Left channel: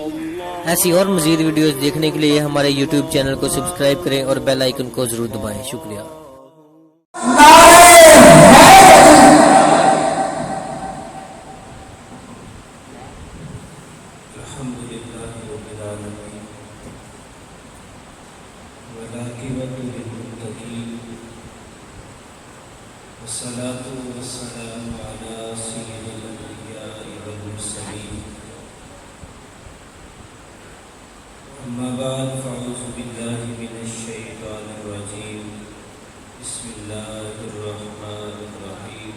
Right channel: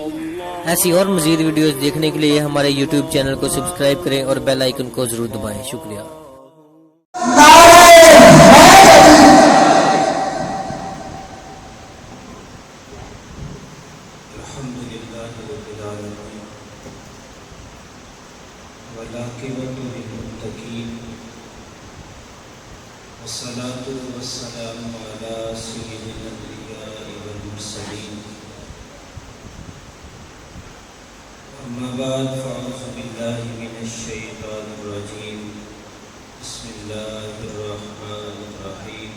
ایسی اور مزید ویڈیوز دیکھنے کے لیے ہمارے یوٹیوب چینل کو سبسکرائب کریں اور بیل آئیکن کو ضرور دبائیں. شکریہ. والصلاة والسلام على سيد الأنبياء والمرسلين أما بعد فأعوذ بالله من الشيطان الرجيم بسم الله الرحمن الرحيم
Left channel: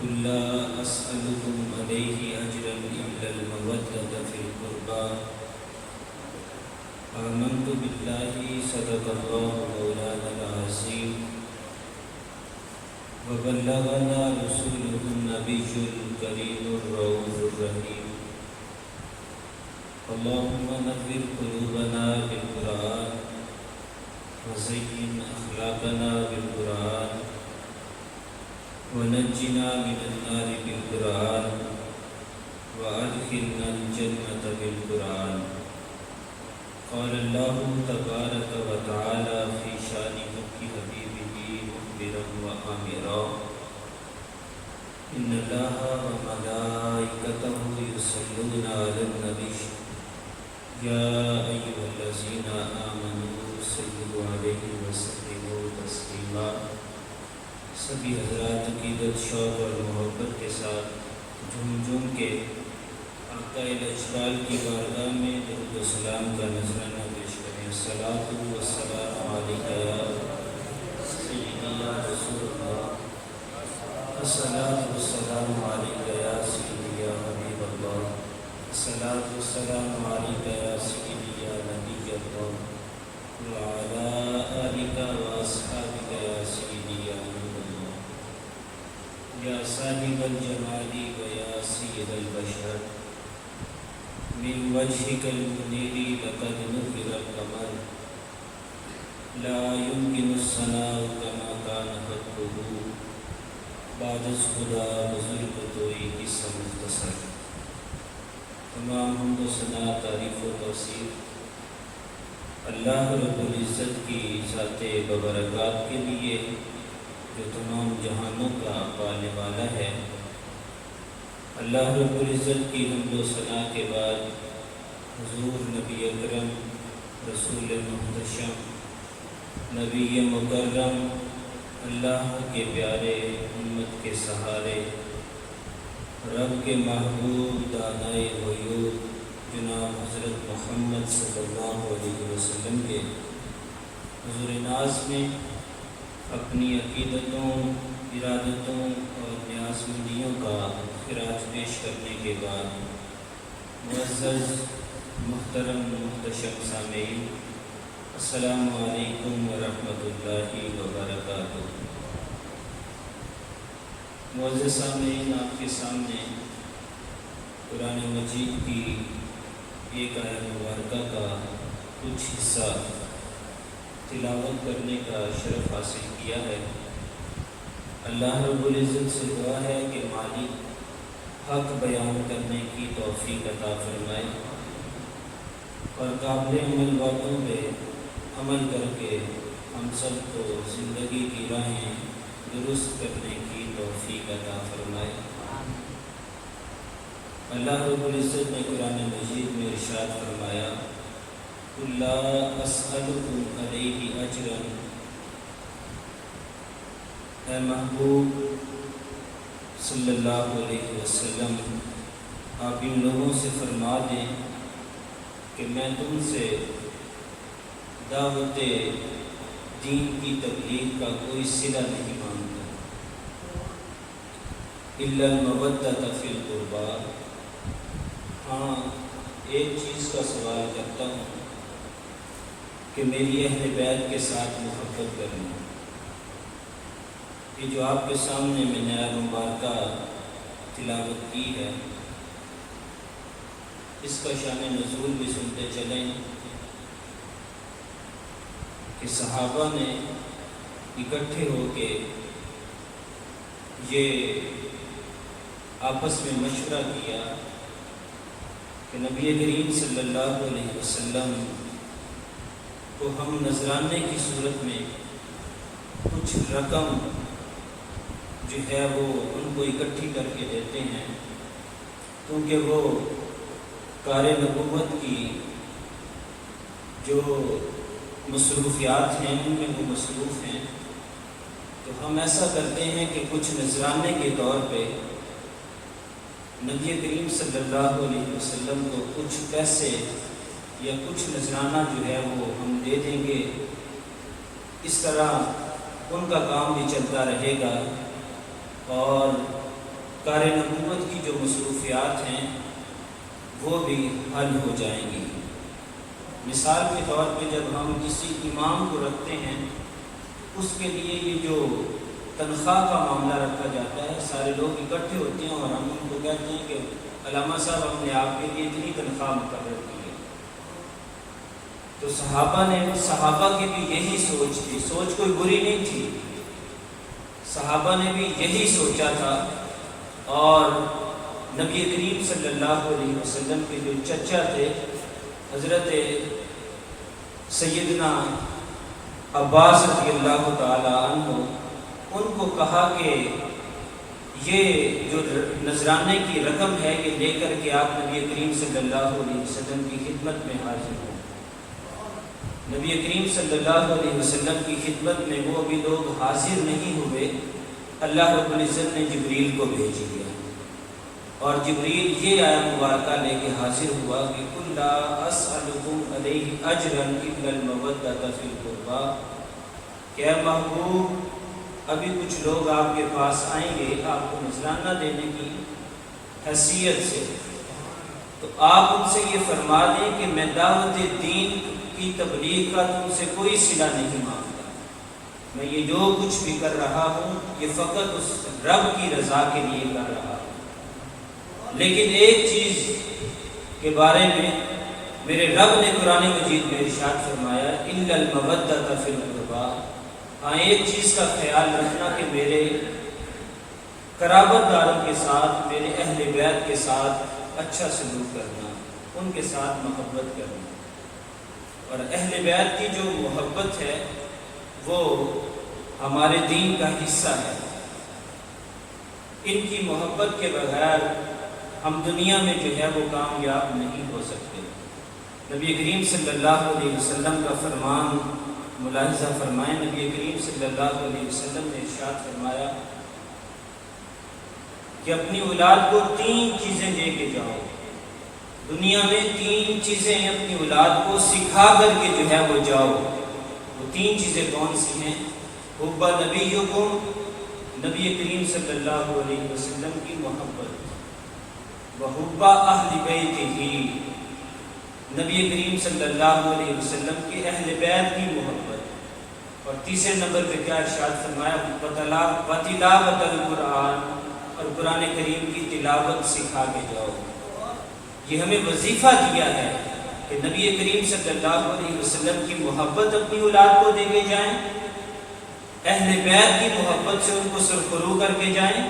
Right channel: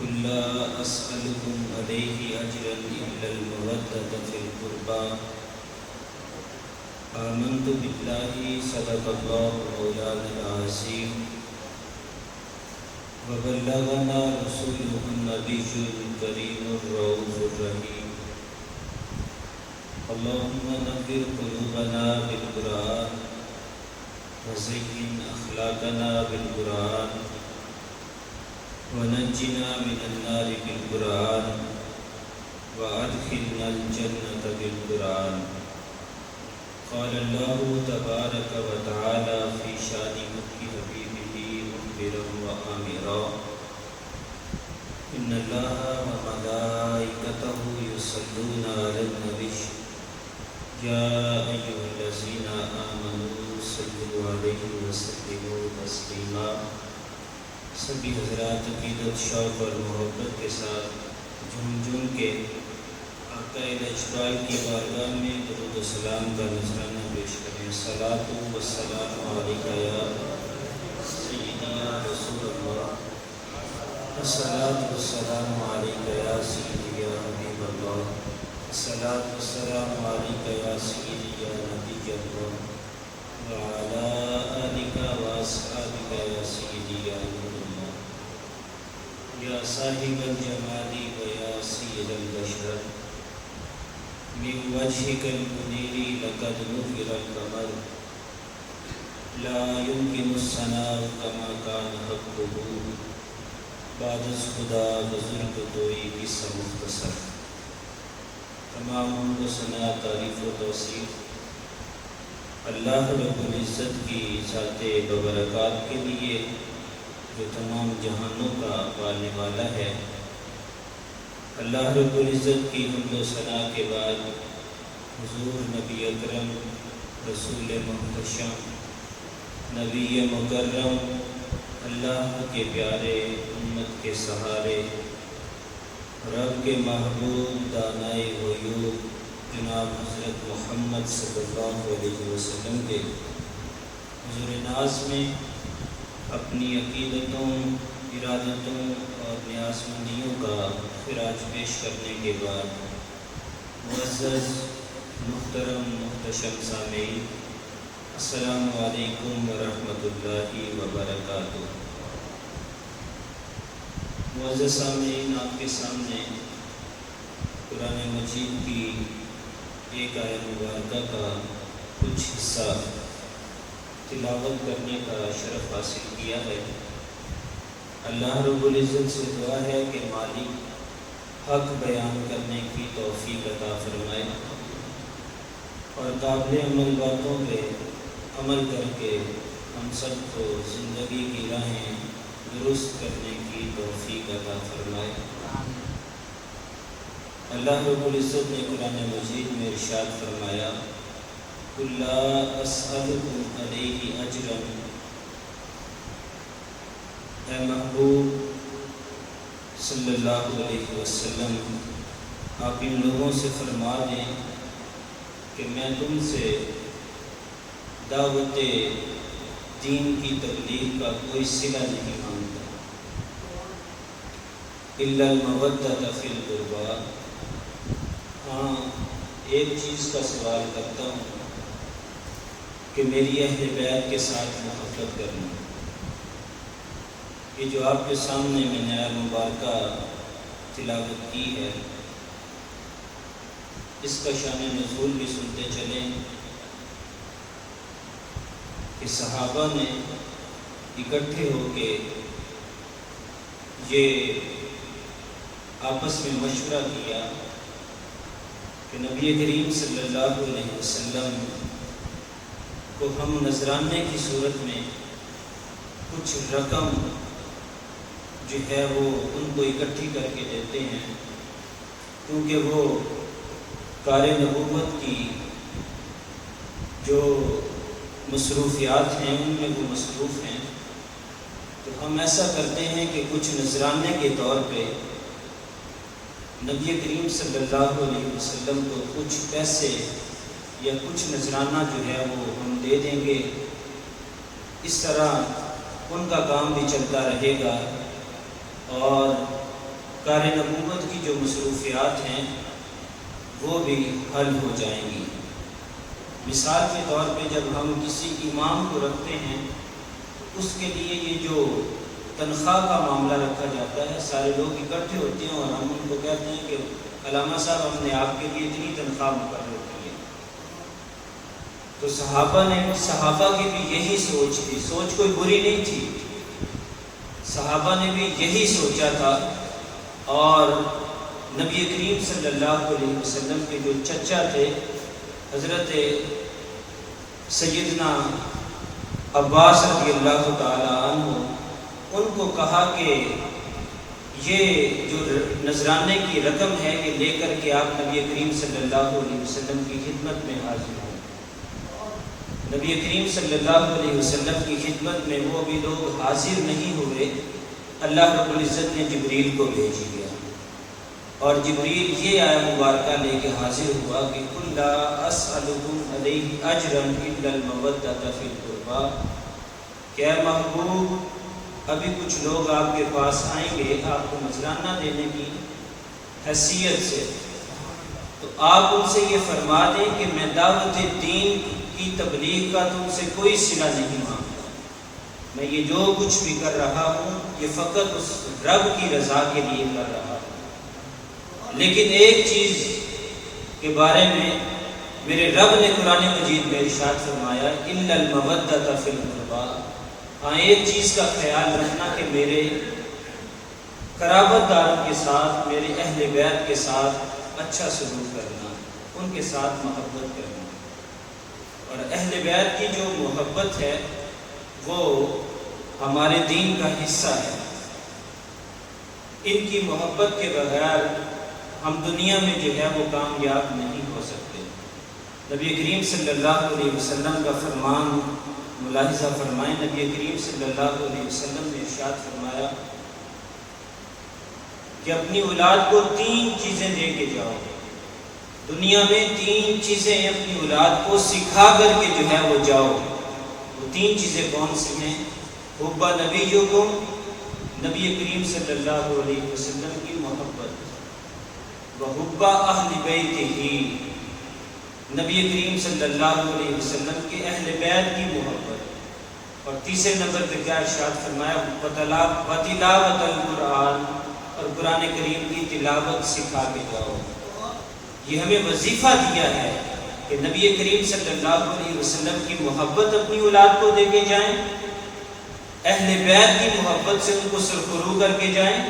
قل لا أسألكم عليه أجرا إلا المودة في القربى آمنت بالله صدق الله مولانا العظيم وبلغنا رسوله النبي الكريم الرؤوف الرحيم اللهم نور قلوبنا بالقرآن وزين أخلاقنا بالقرآن ونجنا من النار بالقرآن وأدخلنا الجنة بالقرآن. قال الله تبارك وتعالى في شان حبيبه مخبرا وآمرا إن الله وملائكته يصلون على النبي يا أيها الذين آمنوا صلوا عليه وسلموا تسليما. سبھی حضرات عقیدت شوق اور محبت کے ساتھ جھوم جھوم کے آقا اجلال کی بارگاہ میں درود و سلام کا نذرانہ پیش کریں. الصلاۃ والسلام علیک یا سیدی یا رسول اللہ. الصلاۃ والسلام علیک یا سیدی یا حبیب اللہ. الصلاۃ والسلام علیک یا سیدی یا نبی اللہ وعلی آلک واصحابک یا سیدی یا نور اللہ یا صاحب الجمال و یا سید البشر من وجهك المنير لقد نذر القمر لا يمكن الثناء كما كان حقه بعد خدا بزرگ توئی قصہ مختصر. تمام حمد و ثنا تعریف و توصیف اللہ رب العزت کی ذات ببرکات کے لیے جو تمام جہانوں کا پالنے والا ہے. اللہ رب العزت کی حمد و ثنا کے بعد حضور نبی اکرم رسول محتشم نبی مکرم اللہ کے پیارے امت کے سہارے رب کے محبوب دانائے غیوب جناب حضرت محمد صلی اللہ علیہ وسلم کے حضور ناز میں اپنی عقیدتوں ارادتوں اور نیاز مندیوں کا خراج پیش کرنے کے بعد معزز محترم محتشم سامعین السلام علیکم ورحمۃ اللہ وبرکاتہ. معزز سامعین آپ کے سامنے قرآن مجید کی ایک آیت مبارکہ کا کچھ حصہ تلاوت کرنے کا شرف حاصل کیا ہے. اللہ رب العزت سے دعا ہے کہ مالک حق بیان کرنے کی توفیق عطا فرمائے اور قابل عمل باتوں پہ عمل کر کے ہم سب کو زندگی کی راہیں درست کرنے کی توفیق عطا فرمائے. اللہ رب العزت نے قرآن مجید میں ارشاد فرمایا قل لا اسألکم علیہ اجرا. اے محبوب صلی اللہ علیہ وسلم آپ ان لوگوں سے فرما دیں کہ میں تم سے دعوت دین کی تبلیغ کا کوئی صلہ نہیں مانتا. الا المودۃ فی القربى. ہاں ایک چیز کا سوال کرتا ہوں کہ میری اہل بیت کے ساتھ محبت کرنا. یہ جو آپ کے سامنے میں نے آیت مبارکہ تلاوت کی ہے اس کا شان نزول بھی سنتے چلیں کہ صحابہ نے اکٹھے ہو کے یہ آپس میں مشورہ کیا کہ نبی کریم صلی اللہ علیہ وسلم کو ہم نذرانے کی صورت میں کچھ رقم جو ہے وہ ان کو اکٹھی کر کے دیتے ہیں، کیونکہ وہ کار نبوت کی جو مصروفیات ہیں ان میں وہ مصروف ہیں، تو ہم ایسا کرتے ہیں کہ کچھ نذرانے کے طور پہ نبی کریم صلی اللہ علیہ وسلم کو کچھ پیسے یا کچھ نذرانہ جو ہے وہ ہم دے دیں گے۔ اس طرح ان کا کام بھی چلتا رہے گا اور کار نبوت کی جو مصروفیات ہیں وہ بھی حل ہو جائیں گی۔ مثال کے طور پہ جب ہم کسی امام کو رکھتے ہیں، اس کے لیے یہ جو تنخواہ کا معاملہ رکھا جاتا ہے، سارے لوگ اکٹھے ہوتے ہیں اور ہم ان کو کہتے ہیں کہ علامہ صاحب ہم نے آپ کے لیے اتنی تنخواہ مقرر کی ہے۔ تو صحابہ کی بھی یہی سوچ تھی، سوچ کوئی بری نہیں تھی، صحابہ نے بھی یہی سوچا تھا، اور نبی کریم صلی اللہ علیہ وسلم کے جو چچا تھے حضرت سیدنا عباس رضی اللہ تعالی عنہ، ان کو کہا کہ یہ جو نذرانے کی رقم ہے یہ لے کر کے آپ نبی کریم صلی اللہ علیہ وسلم کی خدمت میں حاضر ہوں۔ نبی کریم صلی اللہ علیہ وسلم کی خدمت میں وہ بھی لوگ حاضر نہیں ہوئے، اللہ رب العزت نے جبریل کو بھیج دیا، اور جبریل یہ آیت مبارکہ لے کے حاضر ہوا کہ قُل لَا أَسْأَلُكُمْ عَلَيْهِ أَجْرًا إِلَّا الْمَوَدَّةَ فِي الْقُرْبَى، کہ اے محبوب ابھی کچھ لوگ آپ کے پاس آئیں گے آپ کو نذرانہ دینے کی حیثیت سے، تو آپ ان سے یہ فرما دیں کہ میں دعوت دین کی تبلیغ کا تم سے کوئی صلہ نہیں مانگتا، میں یہ جو کچھ بھی کر رہا ہوں یہ فقط اس رب کی رضا کے لیے کر رہا ہوں۔ لیکن ایک چیز کے بارے میں میرے رب نے قرآن مجید میں ارشاد فرمایا إِلَّا الْمَوَدَّةَ فِي الْقُرْبَى، ہاں ایک چیز کا خیال رکھنا کہ میرے قرابت داروں کے ساتھ، میرے اہل بیت کے ساتھ اچھا سلوک کرنا، ان کے ساتھ محبت کرنا، اور اہل بیت کی جو محبت ہے وہ ہمارے دین کا حصہ ہے۔ ان کی محبت کے بغیر ہم دنیا میں جو ہے وہ کامیاب نہیں ہو سکتے۔ نبی کریم صلی اللہ علیہ وسلم کا فرمان ملاحظہ فرمائیں، نبی کریم صلی اللہ علیہ وسلم نے ارشاد فرمایا کہ اپنی اولاد کو 3 چیزیں دے کے جاؤ، دنیا میں 3 چیزیں اپنی اولاد کو سکھا کر کے جو ہے وہ جاؤ۔ وہ 3 چیزیں کون سی ہیں؟ حب نبیکم، نبی کریم صلی اللہ علیہ وسلم کی محبت، وحب اہل بیتہ، نبی کریم صلی اللہ علیہ وسلم کے اہل بیت کی محبت، اور تیسرے نمبر پہ کیا ارشاد فرمایا؟ وتلاوت القرآن، اور قرآن کریم کی تلاوت سکھا کے جاؤ۔ یہ ہمیں وظیفہ دیا ہے کہ نبی کریم صلی اللہ علیہ وسلم کی محبت اپنی اولاد کو دے کے جائیں، اہل بیت کی محبت سے ان کو سرخرو کر کے جائیں،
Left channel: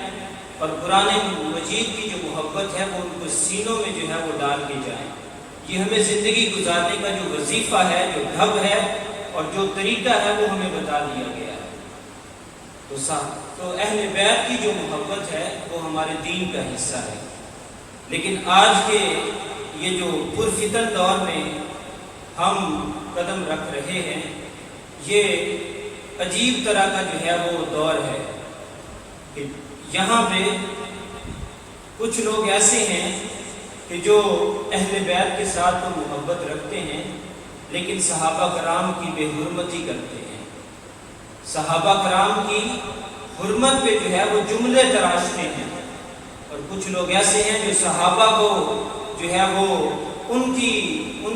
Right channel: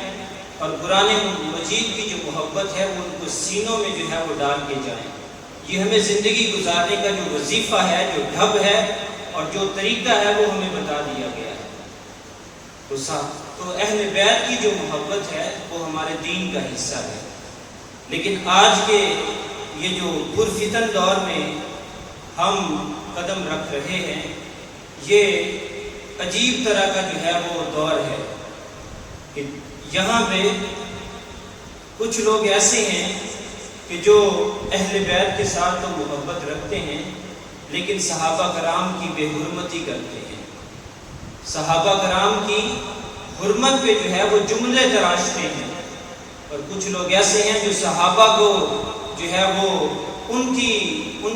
اور قرآن مجید کی جو محبت ہے وہ ان کو سینوں میں جو ہے وہ ڈال کے جائیں۔ یہ ہمیں زندگی گزارنے کا جو وظیفہ ہے، جو ڈھب ہے اور جو طریقہ ہے وہ ہمیں بتا دیا گیا ہے۔ تو اہل بیت کی جو محبت ہے وہ ہمارے دین کا حصہ ہے۔ لیکن آج کے یہ جو پرفتن دور میں ہم قدم رکھ رہے ہیں، یہ عجیب طرح کا جو ہے وہ دور ہے کہ یہاں پہ کچھ لوگ ایسے ہیں کہ جو اہل بیت کے ساتھ تو محبت رکھتے ہیں لیکن صحابہ کرام کی بے حرمتی کرتے ہیں، صحابہ کرام کی حرمت پہ جو ہے وہ جملے تراشتے ہیں، اور کچھ لوگ ایسے ہیں جو صحابہ کو جو ہے وہ ان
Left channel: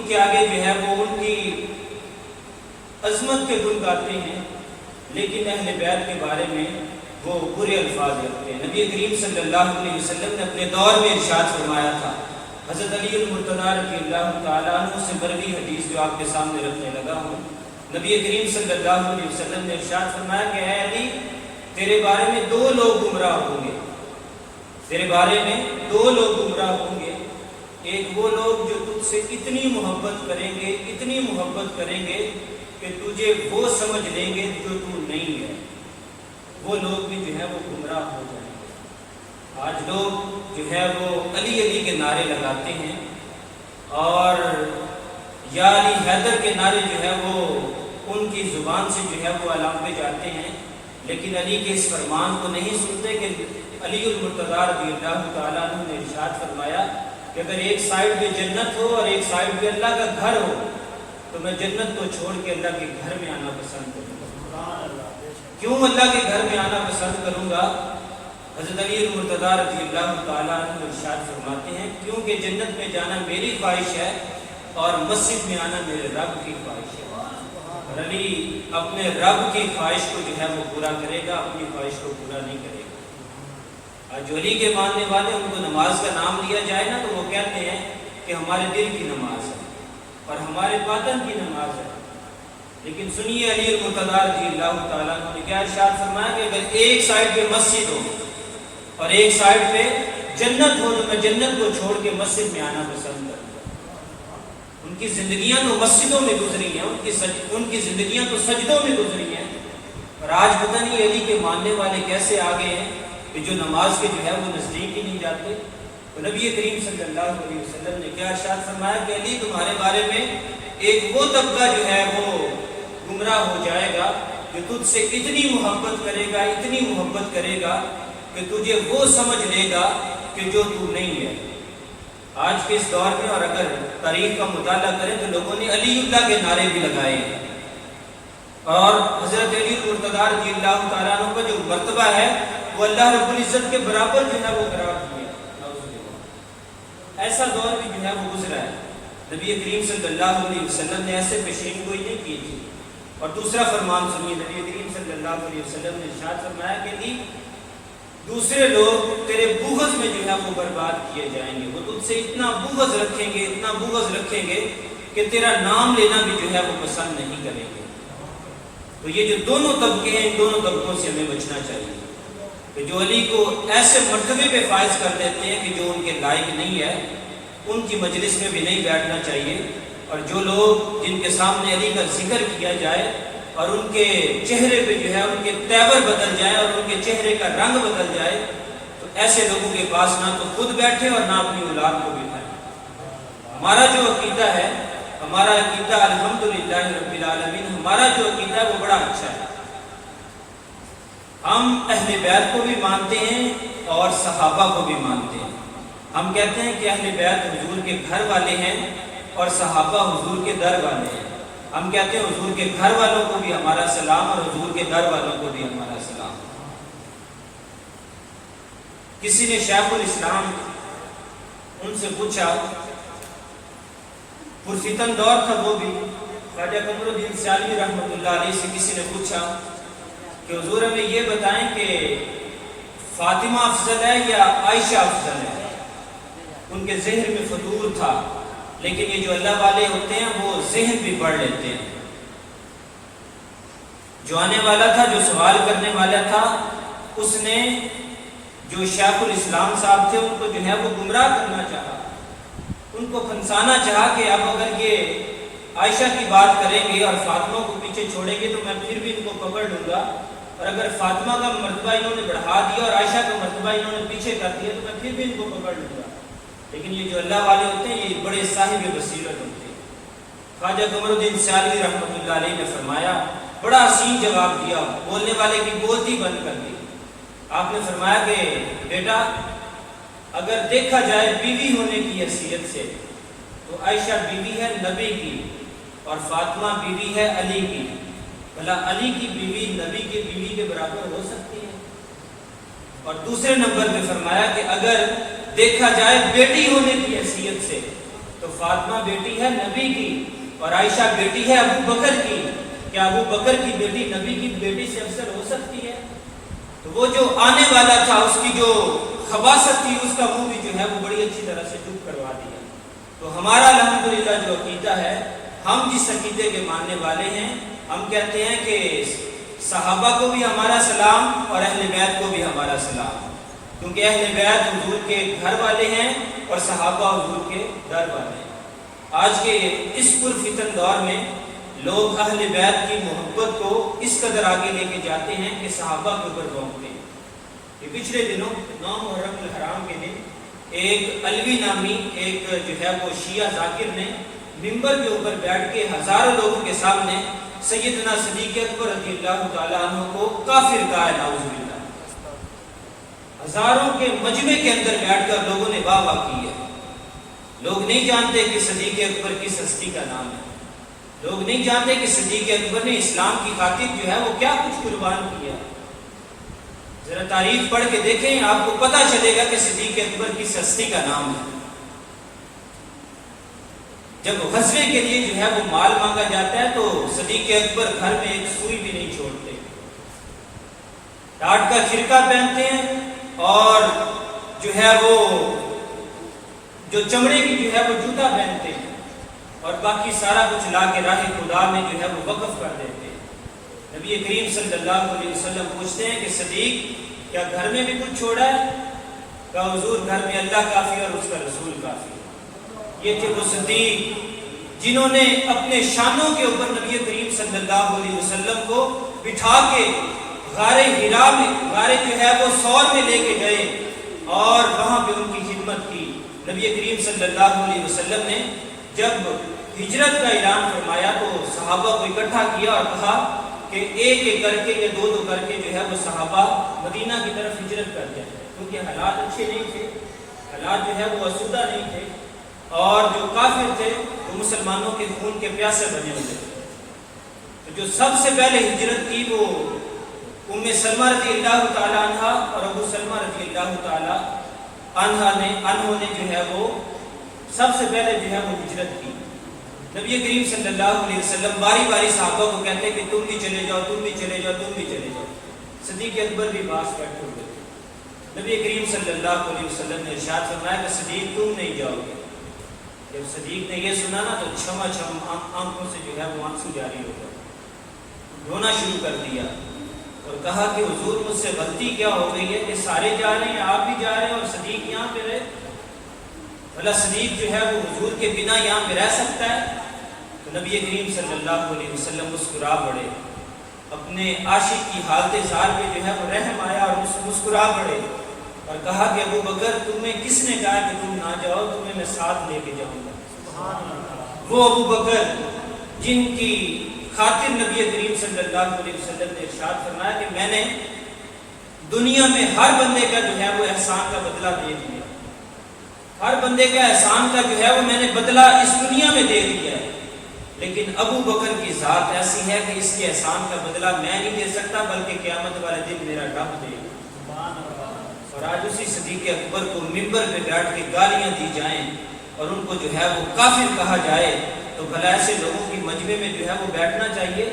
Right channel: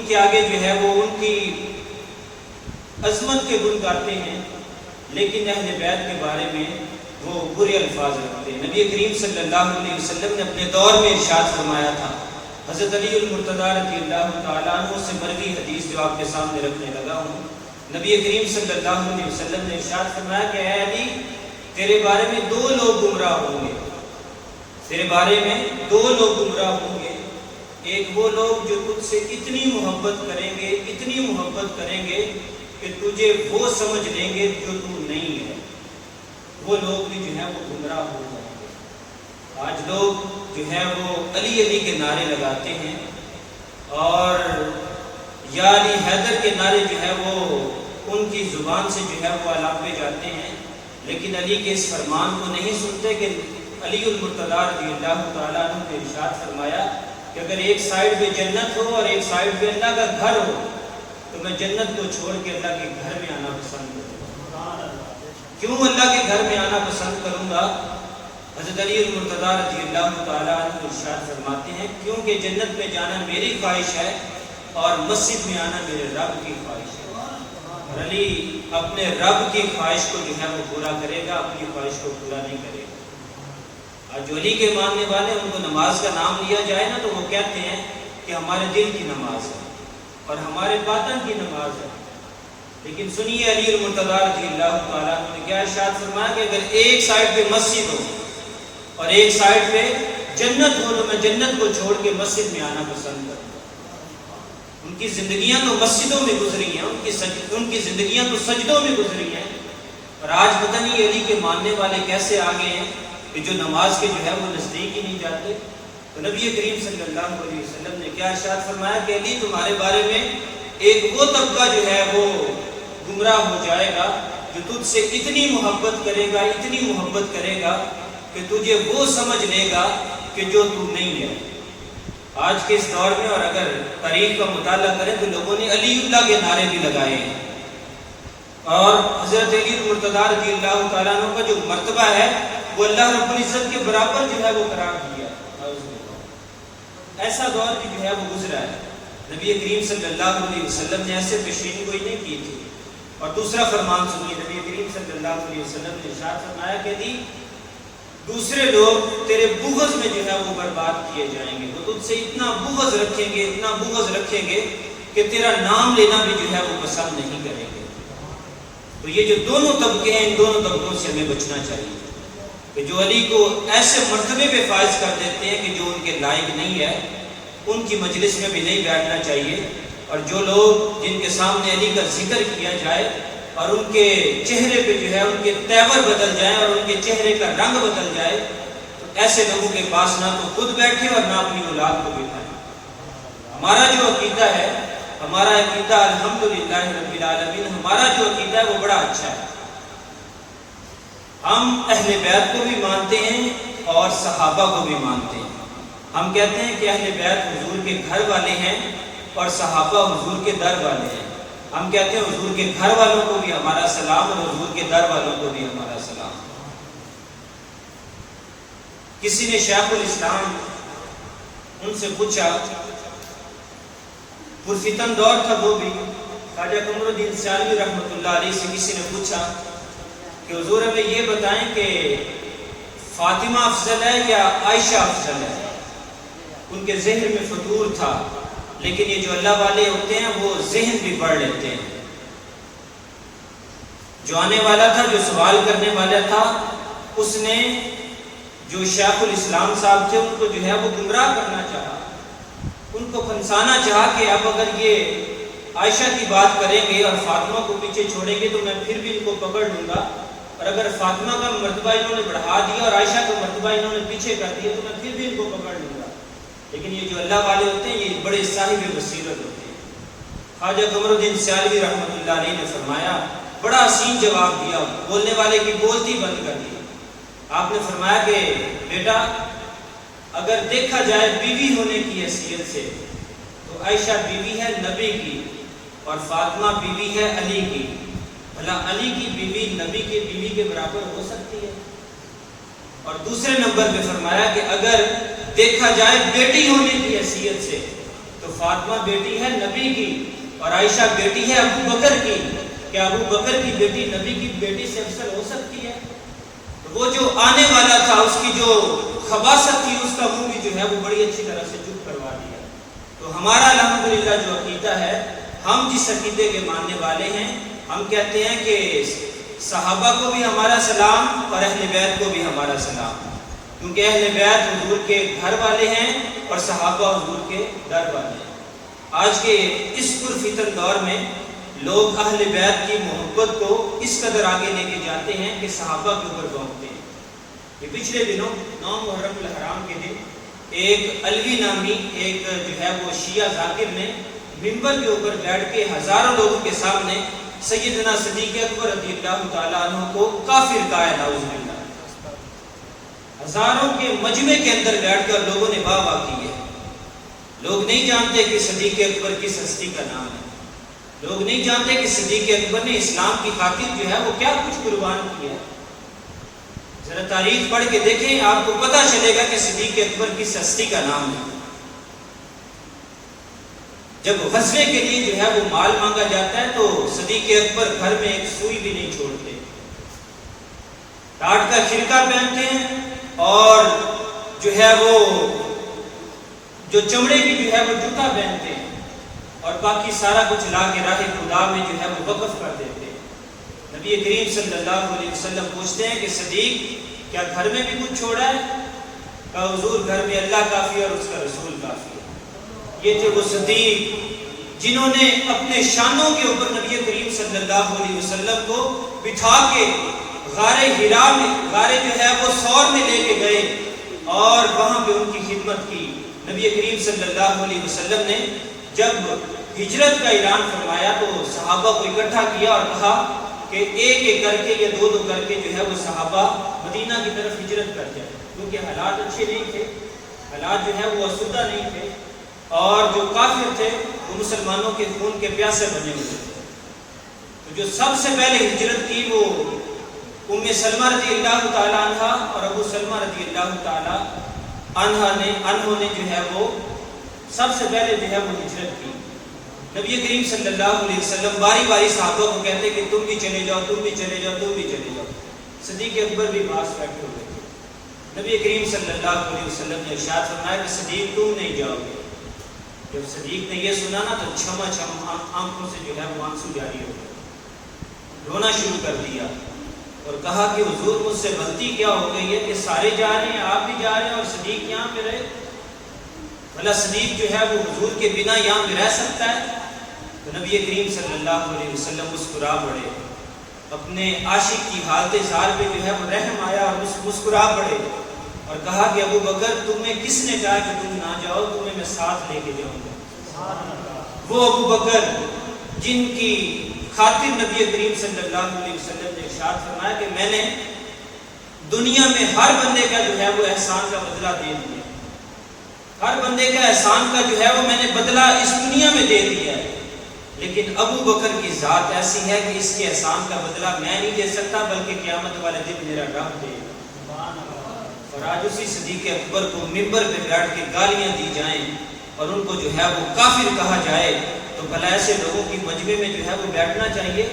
کے آگے جو ہے وہ ان کی عظمت کے گن گاتے ہیں، لیکن اہل بیت کے بارے میں وہ برے الفاظ رکھتے ہیں۔ نبی کریم صلی اللہ علیہ وسلم نے اپنے دور میں ارشاد فرمایا تھا، حضرت علی المرتضیٰ رضی اللہ تعالیٰ عنہ سے مروی حدیث جو آپ کے سامنے رکھنے لگا ہوں، نبی کریم صلی اللہ علیہ وسلم نے ارشاد فرمایا کہ اے علی، تیرے بارے میں 2 لوگ گمراہ ہوں گے، تیرے بارے میں 2 لوگ گمراہ ہوں گے، ایک وہ لوگ جو تجھ سے اتنی محبت کریں گے کہ تجھے وہ سمجھ لیں گے جو تو نہیں ہے، وہ لوگ بھی جو ہے وہ گمراہ ہو جائیں گے۔ آج لوگ جو ہے وہ علی علی کے نعرے لگاتے ہیں اور یا علی حیدر کے نعرے جو ہے وہ ان کی زبان سے جو ہے وہ اعلان پہ جاتے ہیں، لیکن علی کے اس فرمان کو نہیں سنتے کہ علی المرتضی رضی اللہ تعالیٰ عنہ نے ارشاد فرمایا کہ اگر ایک سائیڈ پہ جنت ہو اور ایک سائیڈ پہ اللہ کا گھر ہو تو میں جنت کو چھوڑ کے اللہ کے گھر میں آنا پسند کروں گا۔ کیوں اللہ کے گھر میں آنا پسند کروں گا؟ حضرت علی المرتضی رضی اللہ تعالیٰ عنہ ارشاد فرماتے ہیں کیونکہ جنت میں جانا میری خواہش ہے اور مسجد میں آنا میرے رب کی خواہش ہے، اور علی اپنے رب کی خواہش کو جو ہے وہ پورا کرے گا، اپنی خواہش کو پورا نہیں کرے گا۔ جو علی کے ماننے والے ان کو نماز کا نام لیا جائے نا تو وہ کہتے ہیں کہ ہمارے دل کی نماز ہے اور ہمارے باطن کی نماز ہے، لیکن سنیے علی المرتضی رضی اللہ تعالیٰ نے کیا ارشاد فرمایا کہ اگر ایک سائیڈ پہ مسجد ہو اور ایک سائیڈ پہ جنت ہو تو میں جنت کو چھوڑ کے مسجد میں آنا پسند کروں گا۔ ان کی زندگیاں تو مسجدوں میں گزری ہیں، ان کی زندگیاں تو سجدوں میں گزری ہیں، اور آج پتہ نہیں علی کے ماننے والے کیسے آگے ہیں کہ جو نماز کے جو ہے وہ نزدیک ہی نہیں جاتے۔ تو نبی کریم صلی اللہ علیہ وسلم نے کیا ارشاد فرمایا کہ علی تمہارے بارے میں ایک وہ طبقہ جو ہے وہ گمراہ ہو جائے گا جو تجھ سے اتنی محبت کرے گا کہ تجھے وہ سمجھ لے گا کہ جو تو نہیں ہے۔ آج کے اس دور میں اور اگر تاریخ کا مطالعہ کریں تو لوگوں نے علی اللہ کے نعرے بھی لگائے ہیں، اور حضرت علی المرتضی رضی اللہ تعالیٰ عنہ کا جو مرتبہ ہے وہ اللہ رب العزت کے برابر جو ہے وہ قرار دیا ہے۔ ایسا دور بھی جو ہے وہ گزرا ہے، نبی کریم صلی اللہ علیہ وسلم نے ایسے پیشین کوئی نہیں کی تھی۔ اور دوسرا فرمان سنیے، نبی کریم صلی اللہ علیہ وسلم نے ارشاد فرمایا کہ علی دوسرے لوگ تیرے بغض میں جو ہے وہ برباد کیے جائیں گے، وہ تجھ سے اتنا بغض رکھیں گے کہ تیرا نام لینا بھی جو ہے وہ پسند نہیں کریں گے۔ تو یہ جو دونوں طبقے ہیں ان دونوں طبقوں سے ہمیں بچنا چاہیے کہ جو علی کو ایسے مرتبے پہ فائز کر دیتے ہیں کہ جو ان کے لائق نہیں ہے، ان کی مجلس میں بھی نہیں بیٹھنا چاہیے، اور جو لوگ جن کے سامنے علی کا ذکر کیا جائے اور ان کے چہرے پہ جو ہے ان کے تیور بدل جائیں اور ان کے چہرے کا رنگ بدل جائے تو ایسے لوگوں کے پاس نہ تو خود بیٹھے اور نہ اپنی اولاد کو بٹھائیں۔ ہمارا جو عقیدہ ہے، ہمارا عقیدہ الحمدللہ رب العالمین، ہمارا جو عقیدہ ہے وہ بڑا اچھا ہے۔ ہم اہل بیت کو بھی مانتے ہیں اور صحابہ کو بھی مانتے ہیں۔ ہم کہتے ہیں کہ اہل بیت حضور کے گھر والے ہیں اور صحابہ حضور کے در والے ہیں۔ ہم کہتے ہیں حضور کے گھر والوں کو بھی ہمارا سلام اور حضور کے در والوں کو بھی ہمارا سلام۔ کسی نے شیخ الاسلام ان سے پوچھا، پرفتن دور تھا وہ بھی، خواجہ قمر الدین سیالوی رحمۃ اللہ علیہ سے کسی نے پوچھا کہ حضور ہمیں یہ بتائیں کہ فاطمہ افضل ہے یا عائشہ افضل ہے؟ ان کے ذہن میں فطور تھا، لیکن یہ جو اللہ والے ہوتے ہیں وہ ذہن بھی پڑھ لیتے ہیں۔ جو آنے والا تھا، جو سوال کرنے والا تھا، اس نے جو شیخ الاسلام صاحب تھے ان کو جو ہے وہ گمراہ کرنا چاہا، ان کو پھنسانا چاہا کہ اب اگر یہ عائشہ کی بات کریں گے اور فاطمہ کو پیچھے چھوڑیں گے تو میں پھر بھی ان کو پکڑ لوں گا، اور اگر فاطمہ کا مرتبہ انہوں نے بڑھا دیا اور عائشہ کا مرتبہ انہوں نے پیچھے کر دیا تو میں پھر بھی ان کو پکڑ لوں گا۔ لیکن یہ جو اللہ والے ہوتے ہیں یہ بڑے صاحب بصیرت ہوتے ہیں۔ خواجہ قمر الدین سیالوی رحمۃ اللہ علیہ نے فرمایا، بڑا حسین جواب دیا، بولنے والے کی بولتی بند کر دی۔ آپ نے فرمایا کہ بیٹا اگر دیکھا جائے بیوی ہونے کی حیثیت سے تو عائشہ بیوی ہے نبی کی اور فاطمہ بیوی ہے علی کی، بھلا علی کی بیوی نبی کی بیوی کے برابر ہو سکتی ہے؟ اور دوسرے نمبر پہ فرمایا کہ اگر دیکھا جائے بیٹی ہونے کی حیثیت سے تو فاطمہ بیٹی ہے نبی کی اور عائشہ بیٹی ہے ابو بکر کی، کیا ابو بکر کی بیٹی نبی کی بیٹی سے افضل ہو سکتی ہے؟ تو وہ جو آنے والا تھا اس کی جو خباثت تھی اس کا منہ بھی جو ہے وہ بڑی اچھی طرح سے چپ کروا دیا۔ تو ہمارا الحمدللہ جو عقیدہ ہے، ہم جس عقیدے کے ماننے والے ہیں، ہم کہتے ہیں کہ صحابہ کو بھی ہمارا سلام اور اہل بیت کو بھی ہمارا سلام، کیونکہ اہل بیت حضور کے گھر والے ہیں اور صحابہ حضور کے در والے ہیں۔ آج کے اس پرفتن دور میں لوگ اہل بیت کی محبت کو اس قدر آگے لے کے جاتے ہیں کہ صحابہ کے اوپر بھونکتے ہیں۔ یہ پچھلے دنوں 9 محرم الحرام کے دن ایک علوی نامی ایک جو ہے وہ شیعہ ذاکر نے منبر کے اوپر بیٹھ کے ہزاروں لوگوں کے سامنے سیدنا صدیق اکبر رضی اللہ تعالیٰ عنہ کو کافر کہا ہے، نعوذ باللہ۔ ہزاروں کے مجمع کے اندر بیٹھ کر لوگوں نے واہ واہ کی ہے۔ لوگ نہیں جانتے کہ صدیق اکبر کس ہستی کا نام ہے، لوگ نہیں جانتے کہ صدیق اکبر نے اسلام کی خاطر جو ہے وہ کیا کچھ قربان کیا۔ ذرا تاریخ پڑھ کے دیکھیں، آپ کو پتہ چلے گا کہ صدیق اکبر کس ہستی کا نام ہے۔ جب غزوے کے لیے جو ہے وہ مال مانگا جاتا ہے تو صدیق اکبر گھر میں ایک سوئی بھی نہیں چھوڑتے، ٹاٹ کا خرقہ پہنتے ہیں اور جو ہے وہ جو چمڑے کی جو ہے وہ جوتا پہنتے ہیں اور باقی سارا کچھ لا کے راہ خدا میں جو ہے وہ وقف کر دیتے ہیں۔ نبی کریم صلی اللہ علیہ وسلم پوچھتے ہیں کہ صدیق کیا گھر میں بھی کچھ چھوڑا ہے؟ کہا حضور گھر میں اللہ کافی اور اس کا رسول کافی ہے۔ یہ تھے وہ صدیق جنہوں نے اپنے شانوں کے اوپر نبی کریم صلی اللہ علیہ وسلم کو بٹھا کے غار حرا میں، غار جو ہے وہ ثور میں لے کے گئے اور وہاں پہ ان کی خدمت کی۔ نبی کریم صلی اللہ علیہ وسلم نے جب ہجرت کا اعلان فرمایا تو صحابہ کو اکٹھا کیا اور کہا کہ ایک ایک کر کے یا دو دو کر کے جو ہے وہ صحابہ مدینہ کی طرف ہجرت کر جائے، کیونکہ حالات اچھے نہیں تھے، حالات جو ہے وہ آسودہ نہیں تھے اور جو کافر تھے وہ مسلمانوں کے خون کے پیاسے بنے ہوئے تھے۔ تو جو سب سے پہلے ہجرت کی وہ ام سلمہ رضی اللہ تعالی عنہ اور ابو سلمہ رضی اللہ تعالی انہوں نے جو ہے وہ سب سے پہلے جو ہے وہ ہجرت کی۔ نبی کریم صلی اللہ علیہ وسلم باری باری صحابہ کو کہتے کہ تم بھی چلے جاؤ، تم بھی چلے جاؤ، تم بھی چلے جاؤ۔ صدیق اکبر بھی باس بیٹھے ہوئے تھے۔ نبی کریم صلی اللہ علیہ وسلم نے ارشاد فرمایا کہ صدیق تم نہیں جاؤ گے۔ جب صدیق نے یہ سنا نا تو چھما چھما آنکھوں سے جو ہے وہ آنسو جاری ہو گئے، رونا شروع کر دیا اور کہا کہ حضور مجھ سے غلطی کیا ہو گئی ہے کہ سارے جا رہے ہیں، آپ بھی جا رہے ہیں اور صدیق یہاں پہ رہے، بھلا صدیق جو ہے وہ حضور کے بنا یہاں پہ رہ سکتا ہے؟ تو نبی کریم صلی اللہ علیہ وسلم مسکرا پڑے، اپنے عاشق کی حالت زار پہ جو ہے وہ رحم آیا اور مسکرا پڑے اور کہا کہ ابو بکر تمہیں کس نے کہا کہ تم نہ جاؤ، تمہیں میں ساتھ لے کے جاؤں گا۔ وہ ابو بکر جن کی خاطر نبی کریم صلی اللہ علیہ وسلم نے ارشاد فرمایا کہ میں نے دنیا میں ہر بندے کا جو ہے وہ احسان کا بدلہ دے دیا، ہر بندے کا احسان کا جو ہے وہ میں نے بدلہ اس دنیا میں دے دیا ہے، لیکن ابو بکر کی ذات ایسی ہے کہ اس کے احسان کا بدلہ میں نہیں دے سکتا بلکہ قیامت والے دن میرا رب دے گا۔ اور آج اسی صدیق اکبر کو منبر پہ بیٹھ کے گالیاں دی جائیں اور ان کو جو ہے وہ کافر کہا جائے تو بھلا ایسے لوگوں کی مجمع میں جو ہے وہ بیٹھنا چاہیے؟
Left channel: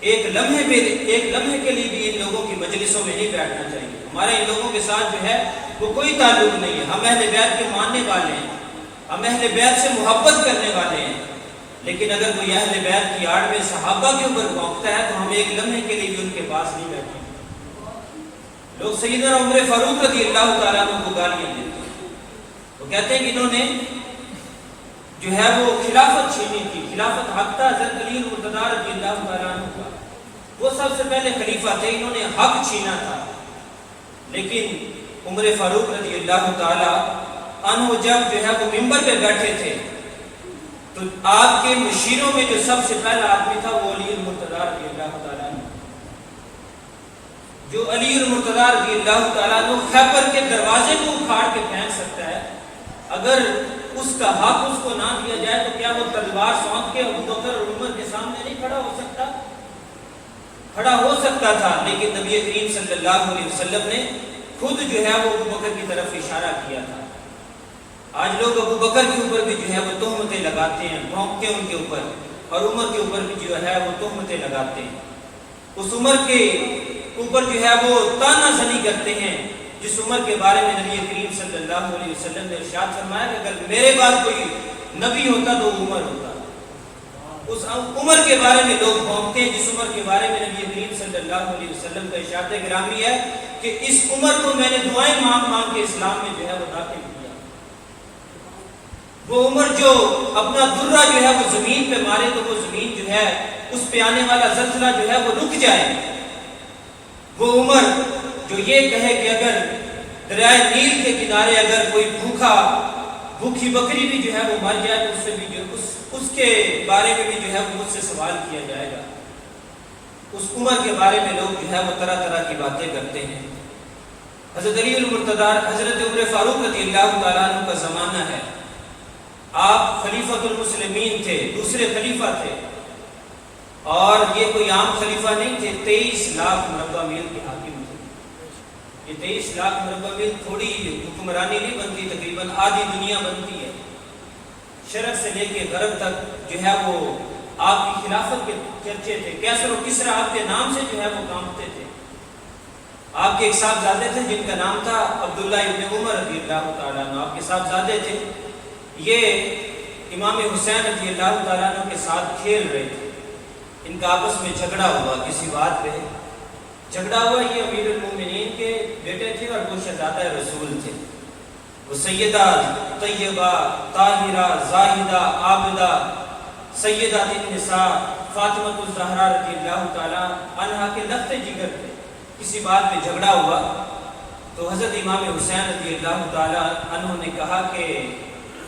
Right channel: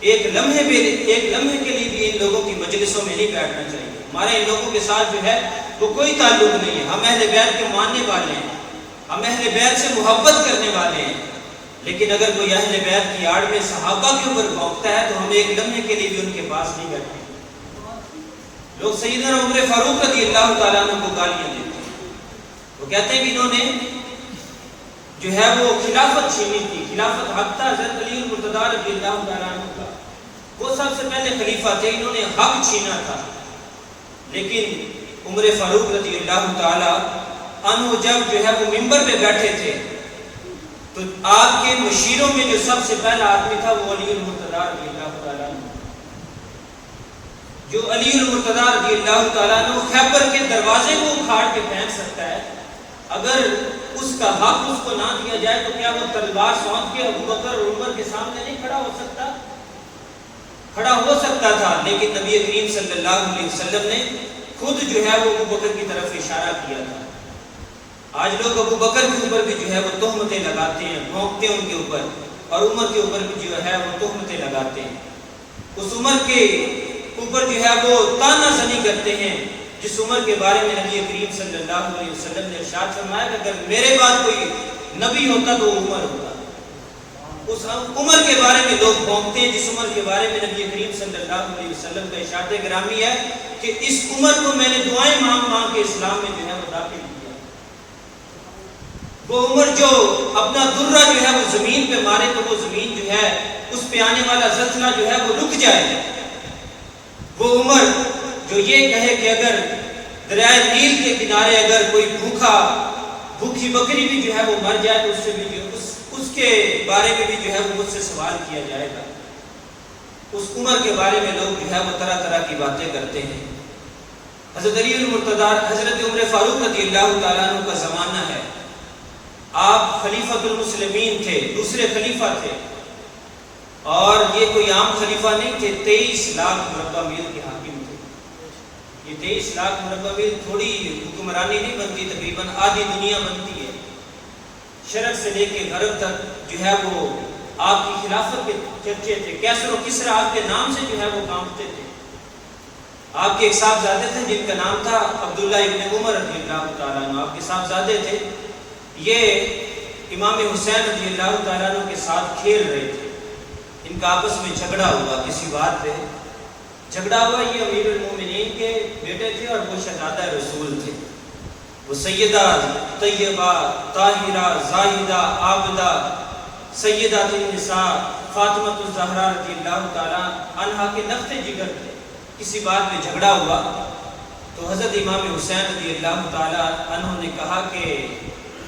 ایک لمحے کے لیے بھی ان لوگوں کی مجلسوں میں نہیں بیٹھنا چاہیے۔ ہمارے ان لوگوں کے ساتھ جو ہے وہ کوئی تعلق نہیں ہے، ہم اہل بیت کے ماننے والے ہیں، ہم اہل بیت سے محبت کرنے والے ہیں، لیکن اگر کوئی اہل بیت کی آڑ میں صحابہ کے اوپر بھونکتا ہے تو ہم ایک لمحے کے لیے بھی ان کے پاس نہیں بیٹھیں۔ لوگ سیدنا عمر فاروق رضی اللہ تعالیٰ عنہ کو گالیاں دیتے ہیں، وہ کہتے ہیں کہ انہوں نے جو ہے وہ خلافت چھینی تھی، خلافت حق تھا حضرت علی مرتضیٰ رضی اللہ تعالیٰ عنہ کا، وہ سب سے پہلے خلیفہ تھے، انہوں نے حق چھینا تھا۔ لیکن عمر فاروق رضی اللہ تعالیٰ عنہ جب جو ہے وہ منبر پہ بیٹھے تھے تو آپ کے مشیروں میں جو سب سے پہلا آدمی تھا وہ علی مرتضیٰ رضی اللہ تعالیٰ عنہ، جو علی مرتضیٰ رضی اللہ تعالیٰ عنہ خیبر کے دروازے کو اکھاڑ کے پھینک سکتا ہے، اگر اس کا حق اس کو نہ دیا جائے تو کیا وہ تلوار سونپ کے ابو بکر اور عمر کے سامنے نہیں کھڑا ہو سکتا؟ کھڑا ہو سکتا تھا، لیکن نبی کریم صلی اللہ علیہ وسلم نے خود جو ہے وہ ابو بکر کی طرف اشارہ کیا تھا۔ آج لوگ ابو بکر کے اوپر بھی جو ہے وہ تہمتیں لگاتے ہیں، بھونکتے ہیں ان کے اوپر، اور عمر کے اوپر بھی جو ہے وہ تہمتیں لگاتے ہیں، اس عمر کے اوپر جو ہے وہ تانا زنی کرتے ہیں جس عمر کے بارے میں نبی کریم صلی اللہ علیہ وسلم نے ارشاد فرمایا کہ اگر میرے بعد کوئی نبی ہوتا تو عمر ہوتا۔ اس عمر کے بارے میں لوگ بھونکتے ہیں جس عمر کے بارے میں نبی کریم صلی اللہ علیہ وسلم کا ارشاد گرامی ہے کہ اس عمر کو میں نے دعائیں مانگ مانگ کے اسلام میں جو ہے وہ داخل کیا۔ وہ عمر جو اپنا درہ جو ہے وہ زمین پہ مارے تو وہ زمین جو ہے اس پہ آنے والا زلزلہ جو ہے وہ رک جائے۔ وہ عمر جو یہ کہے کہ اگر دریائے نیل کے کنارے اگر کوئی بھوکی بکری بھی جو ہے وہ مر جائے تو اس سے بھی اس کے بارے میں بھی جو ہے وہ مجھ سے سوال کیا جائے گا۔ اس عمر کے بارے میں لوگ جو ہے وہ طرح طرح کی باتیں کرتے ہیں۔ حضرت علی المرتضیٰ حضرت عمر فاروق رضی اللہ تعالیٰ عنہ کا زمانہ ہے، آپ خلیفۃ المسلمین تھے، دوسرے خلیفہ تھے، اور یہ کوئی عام خلیفہ نہیں تھے، 23 لاکھ مربع میل کے حاکم تھے۔ یہ 23 لاکھ مربع میل تھوڑی حکمرانی نہیں بنتی، تقریباً آدھی دنیا بنتی ہے۔ شرق سے لے کے غرب تک جو ہے وہ آپ کی خلافت کے چرچے تھے۔ کیسر و کسرا آپ کے نام سے جو ہے وہ کانپتے تھے۔ آپ کے ایک صاحبزادے تھے جن کا نام تھا عبداللہ ابن عمر رضی اللہ تعالیٰ عنہ، آپ کے صاحبزادے تھے، یہ امام حسین رضی اللہ تعالیٰ عنہ کے ساتھ کھیل رہے تھے۔ ان کا آپس میں جھگڑا ہوا، کسی بات پہ جھگڑا ہوا۔ یہ امیر المومنین کے بیٹے تھے اور وہ شہزادہ رسول تھے۔ وہ سیدہ طیبہ طاہرہ زاہدہ عابدہ سیدہ النساء فاطمہ الزہرا رضی اللہ تعالیٰ عنہا کے نفس جگر تھے۔ کسی بات میں جھگڑا ہوا تو حضرت امام حسین رضی اللہ تعالیٰ عنہ نے کہا کہ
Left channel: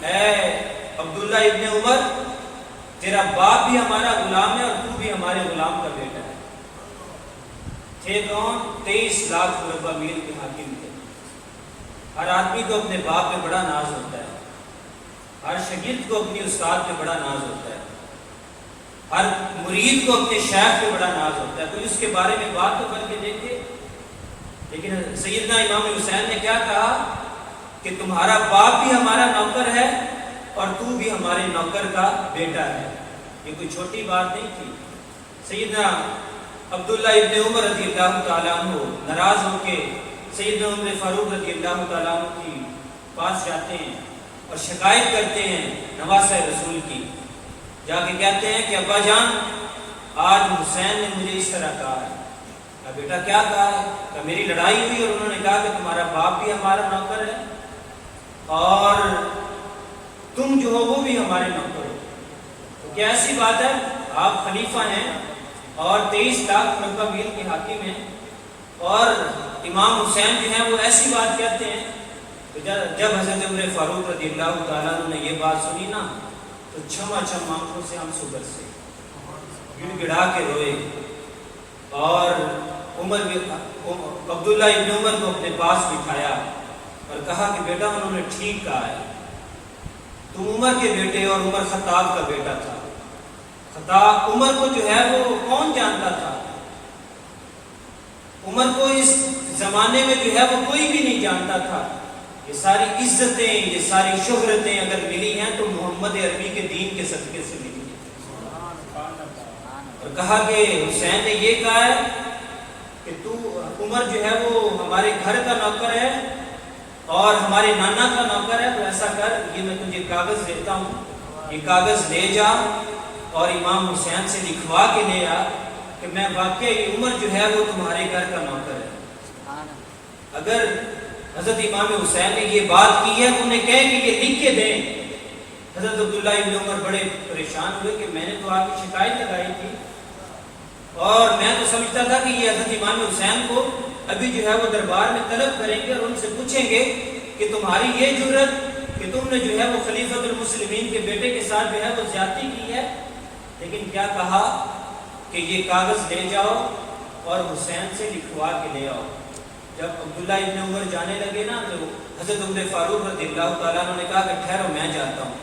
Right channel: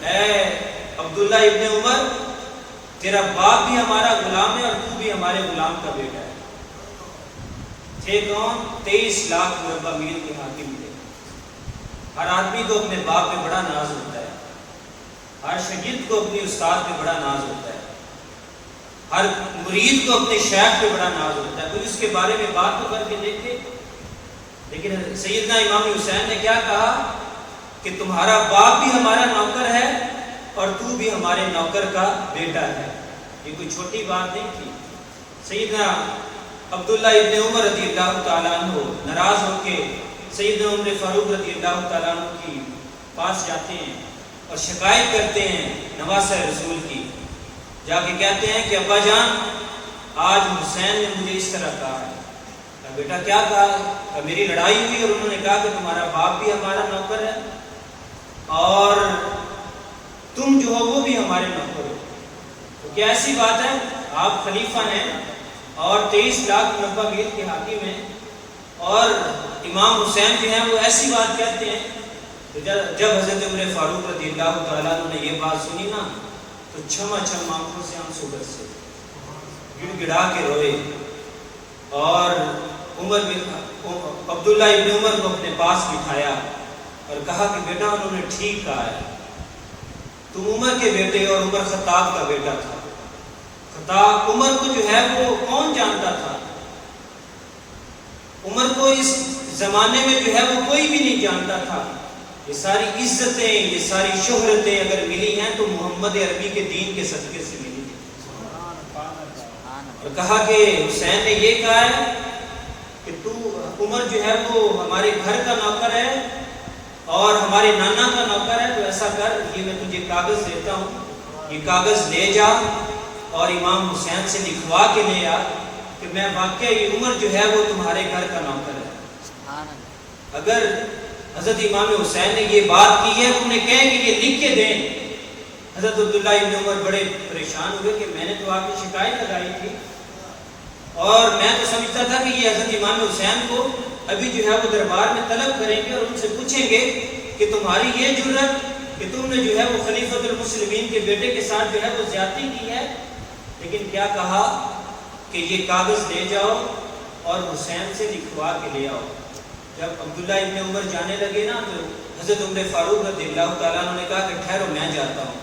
اے عبداللہ ابن عمر، تیرا باپ بھی ہمارا غلام ہے اور تو بھی ہمارے غلام کا بیٹا ہے۔ تھے کون؟ 23 لاکھ مربع میل کے حاکم تھے۔ ہر آدمی کو اپنے باپ پہ بڑا ناز ہوتا ہے، ہر شاگرد کو اپنی استاد پہ بڑا ناز ہوتا ہے، ہر مرید کو اپنے شیخ پہ بڑا ناز ہوتا ہے، کوئی اس کے بارے میں بات تو کر کے دیکھے۔ لیکن سیدنا امام حسین نے کیا کہا کہ تمہارا باپ بھی ہمارا نوکر ہے اور تو بھی ہمارے نوکر کا بیٹا ہے۔ یہ کوئی چھوٹی بات نہیں تھی۔ سیدنا عبداللہ ابن عمر رضی اللہ تعالیٰ عنہ ناراض ہو کے سیدنا عمر فاروق رضی اللہ تعالیٰ عنہ کی پاس جاتے ہیں اور شکایت کرتے ہیں نواسہ رسول کی۔ جا کے کہتے ہیں کہ ابا جان، آج حسین نے مجھے اس طرح کہا ہے۔ کہا بیٹا کیا کہا ہے؟ کہا میری لڑائی ہوئی اور انہوں نے کہا کہ تمہارا باپ بھی ہمارا نوکر ہے اور تم جو ہو وہ بھی ہمارے نوکر ہو۔ تو کیا ایسی بات ہے؟ آپ خلیفہ ہیں اور 23 لاکھ مربع میل کے حاکم ہیں، اور امام حسین جو ہیں وہ ایسی بات کہتے ہیں۔ تو جب حضرت عمر فاروق رضی اللہ تعالیٰ عنہ نے یہ بات سنی نا تو چھما چھم آنکھوں سے آنسو برسے، گڑ گڑا کے روئے، اور عبداللہ ابن عمر کو اپنے پاس بٹھایا اور کہا کہ بیٹا انہوں نے ٹھیک کہا ہے، تم عمر کے بیٹے اور عمر خطاب کا بیٹا تھا۔ خطاب عمر کو جو ہے وہ کون جانتا تھا؟ عمر کو اس زمانے میں جو ہے وہ کوئی بھی نہیں جانتا تھا۔ یہ ساری عزتیں، یہ ساری شہرتیں اگر ملی ہیں تو محمد عربی کے دین کے صدقے سے ملی ہیں۔ اور کہا کہ حسین نے یہ کہا ہے کہ تو عمر جو ہے وہ ہمارے گھر کا نوکر ہے اور ہمارے نانا کا نوکر ہے، تو ایسا کر، یہ میں تجھے کاغذ دیتا ہوں، یہ کاغذ لے جا اور امام حسین سے لکھوا کے لے آ کہ میں واقعہ یہ عمر جو ہے وہ تمہارے گھر کا نوکر ہے۔ اگر حضرت امام حسین نے یہ بات کی ہے تو انہیں کہیں کہ یہ لکھ کے دیں۔ حضرت عبداللہ ابن عمر بڑے پریشان ہوئے کہ میں نے تو آپ کی شکایت لگائی تھی اور میں تو سمجھتا تھا کہ یہ حضرت امام حسین کو ابھی جو ہے وہ دربار میں طلب کریں گے اور ان سے پوچھیں گے کہ تمہاری یہ جرت کہ تم نے جو ہے وہ خلیفۃ المسلمین کے بیٹے کے ساتھ جو ہے وہ زیادتی کی ہے۔ لیکن کیا کہا کہ یہ کاغذ لے جاؤ اور حسین سے لکھوا کے لے آؤ۔ جب عبداللہ ابن عمر جانے لگے نا تو حضرت عمر فاروق رضی اللہ تعالیٰ عنہ نے کہا کہ ٹھہرو میں جاتا ہوں۔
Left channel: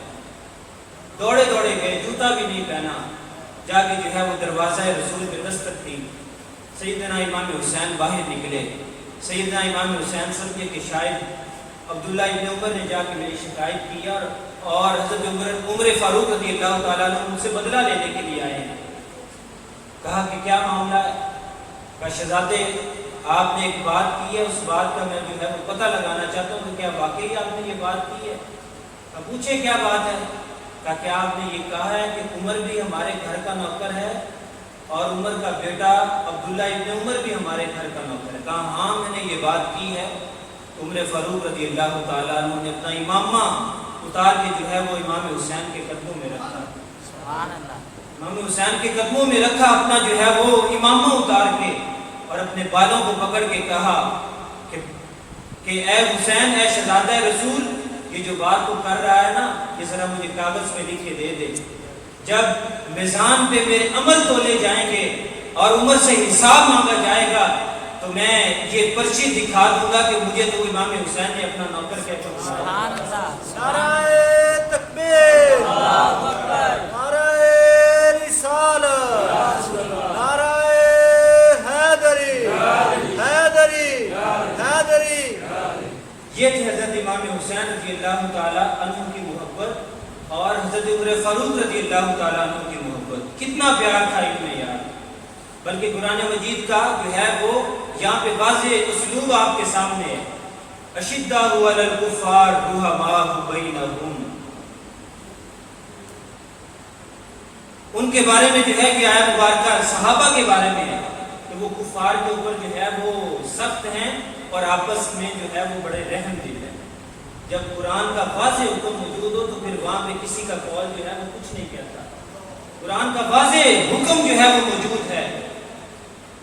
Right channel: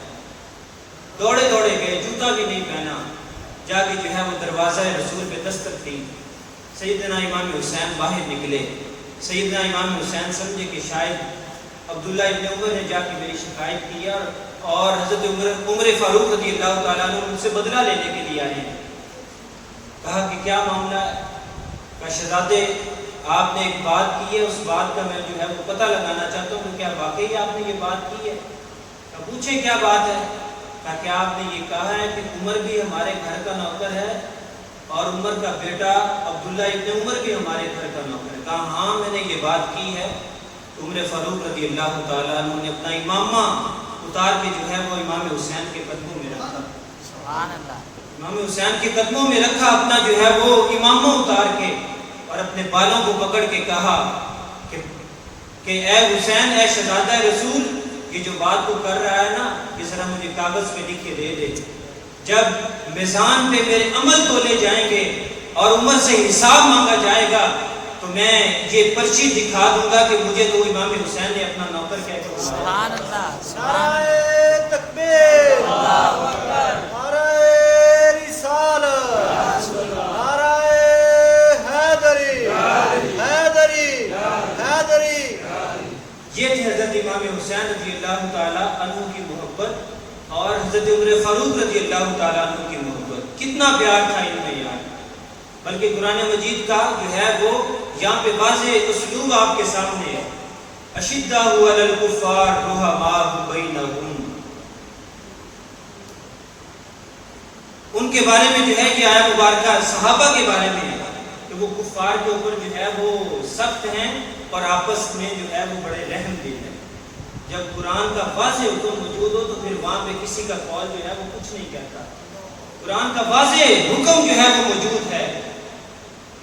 دوڑے دوڑے گئے، جوتا بھی نہیں پہنا، جا کے جو ہے وہ دروازہ رسول پہ دستک دی۔ سیدنا امام حسین باہر نکلے۔ سیدنا امام حسین سمجھے کہ شاید عبداللہ ابن عمر نے جا کے میری شکایت کی اور حضرت عمر فاروق رضی اللہ تعالیٰ عنہ مجھ سے بدلہ لینے کے لیے آئے ہیں۔ کہا کہ کیا معاملہ ہے؟ کہا شہزادے آپ نے ایک بات کی ہے، اس بات کا میں جو ہے وہ پتہ لگانا چاہتا ہوں کہ کیا واقعی آپ نے یہ بات کی ہے؟ پوچھے کیا بات ہے؟ کہا کہ آپ نے یہ کہا ہے کہ عمر بھی ہمارے گھر کا نوکر ہے اور عمر کا بیٹا عبداللہ ابن عمر بھی ہمارے گھر کا نوکر ہے۔ کہا ہاں میں نے یہ بات کی ہے۔ عمر فاروق رضی اللہ تعالیٰ عنہ نے اپنا امامہ اتار کے جو ہے وہ امام حسین کے قدموں میں رکھا. سبحان اللہ. امام حسین کے قدموں میں رکھا اپنا جو ہے وہ امامہ اتار کے, اور اپنے بالوں کو پکڑ کے کہا کہ اے حسین, اے شہزادہ رسول, یہ جو بات تو کر رہا ہے نا, یہ ذرا مجھے کاغذ میں لکھ کے دے دے. جب میزان پہ میرے عمل تولے جائیں گے اور عمر سے حساب مانگا جائے گا تو میں یہ پرچی دکھا دوں گا کہ مجھے تو امام حسین نے اپنا نوکر کہہ کے بلایا. سبحان اللہ. نعرہ تکبیر, نعرہ رسالت, نعرہ حیدری, حیدری, حیدری. یہ تھے حضرت امام حسین رضی اللہ تعالیٰ عنہ کی محبت اور حضرت عمر فاروق رضی اللہ تعالیٰ عنہ کی محبت. کتنا پیار تھا ان میں یار. بلکہ قرآن مجید کا جو ہے وہ یہاں پہ واضح اسلوب آپ کے سامنے ہے. اشداء علی الکفار رحماء بینہم. ان کے بارے میں جو ہے کہ آیا مبارکہ صحابہ کے بارے میں ہے کہ وہ کفار کے اوپر جو ہے وہ سخت ہیں اور آپس میں جو ہے وہ بڑے رحم دل ہیں. جب قرآن کا واضح حکم موجود ہو تو پھر وہاں پہ کسی کا قول جو ہے وہ کچھ نہیں کہتا. قرآن کا واضح حکم جو ہے وہ موجود ہے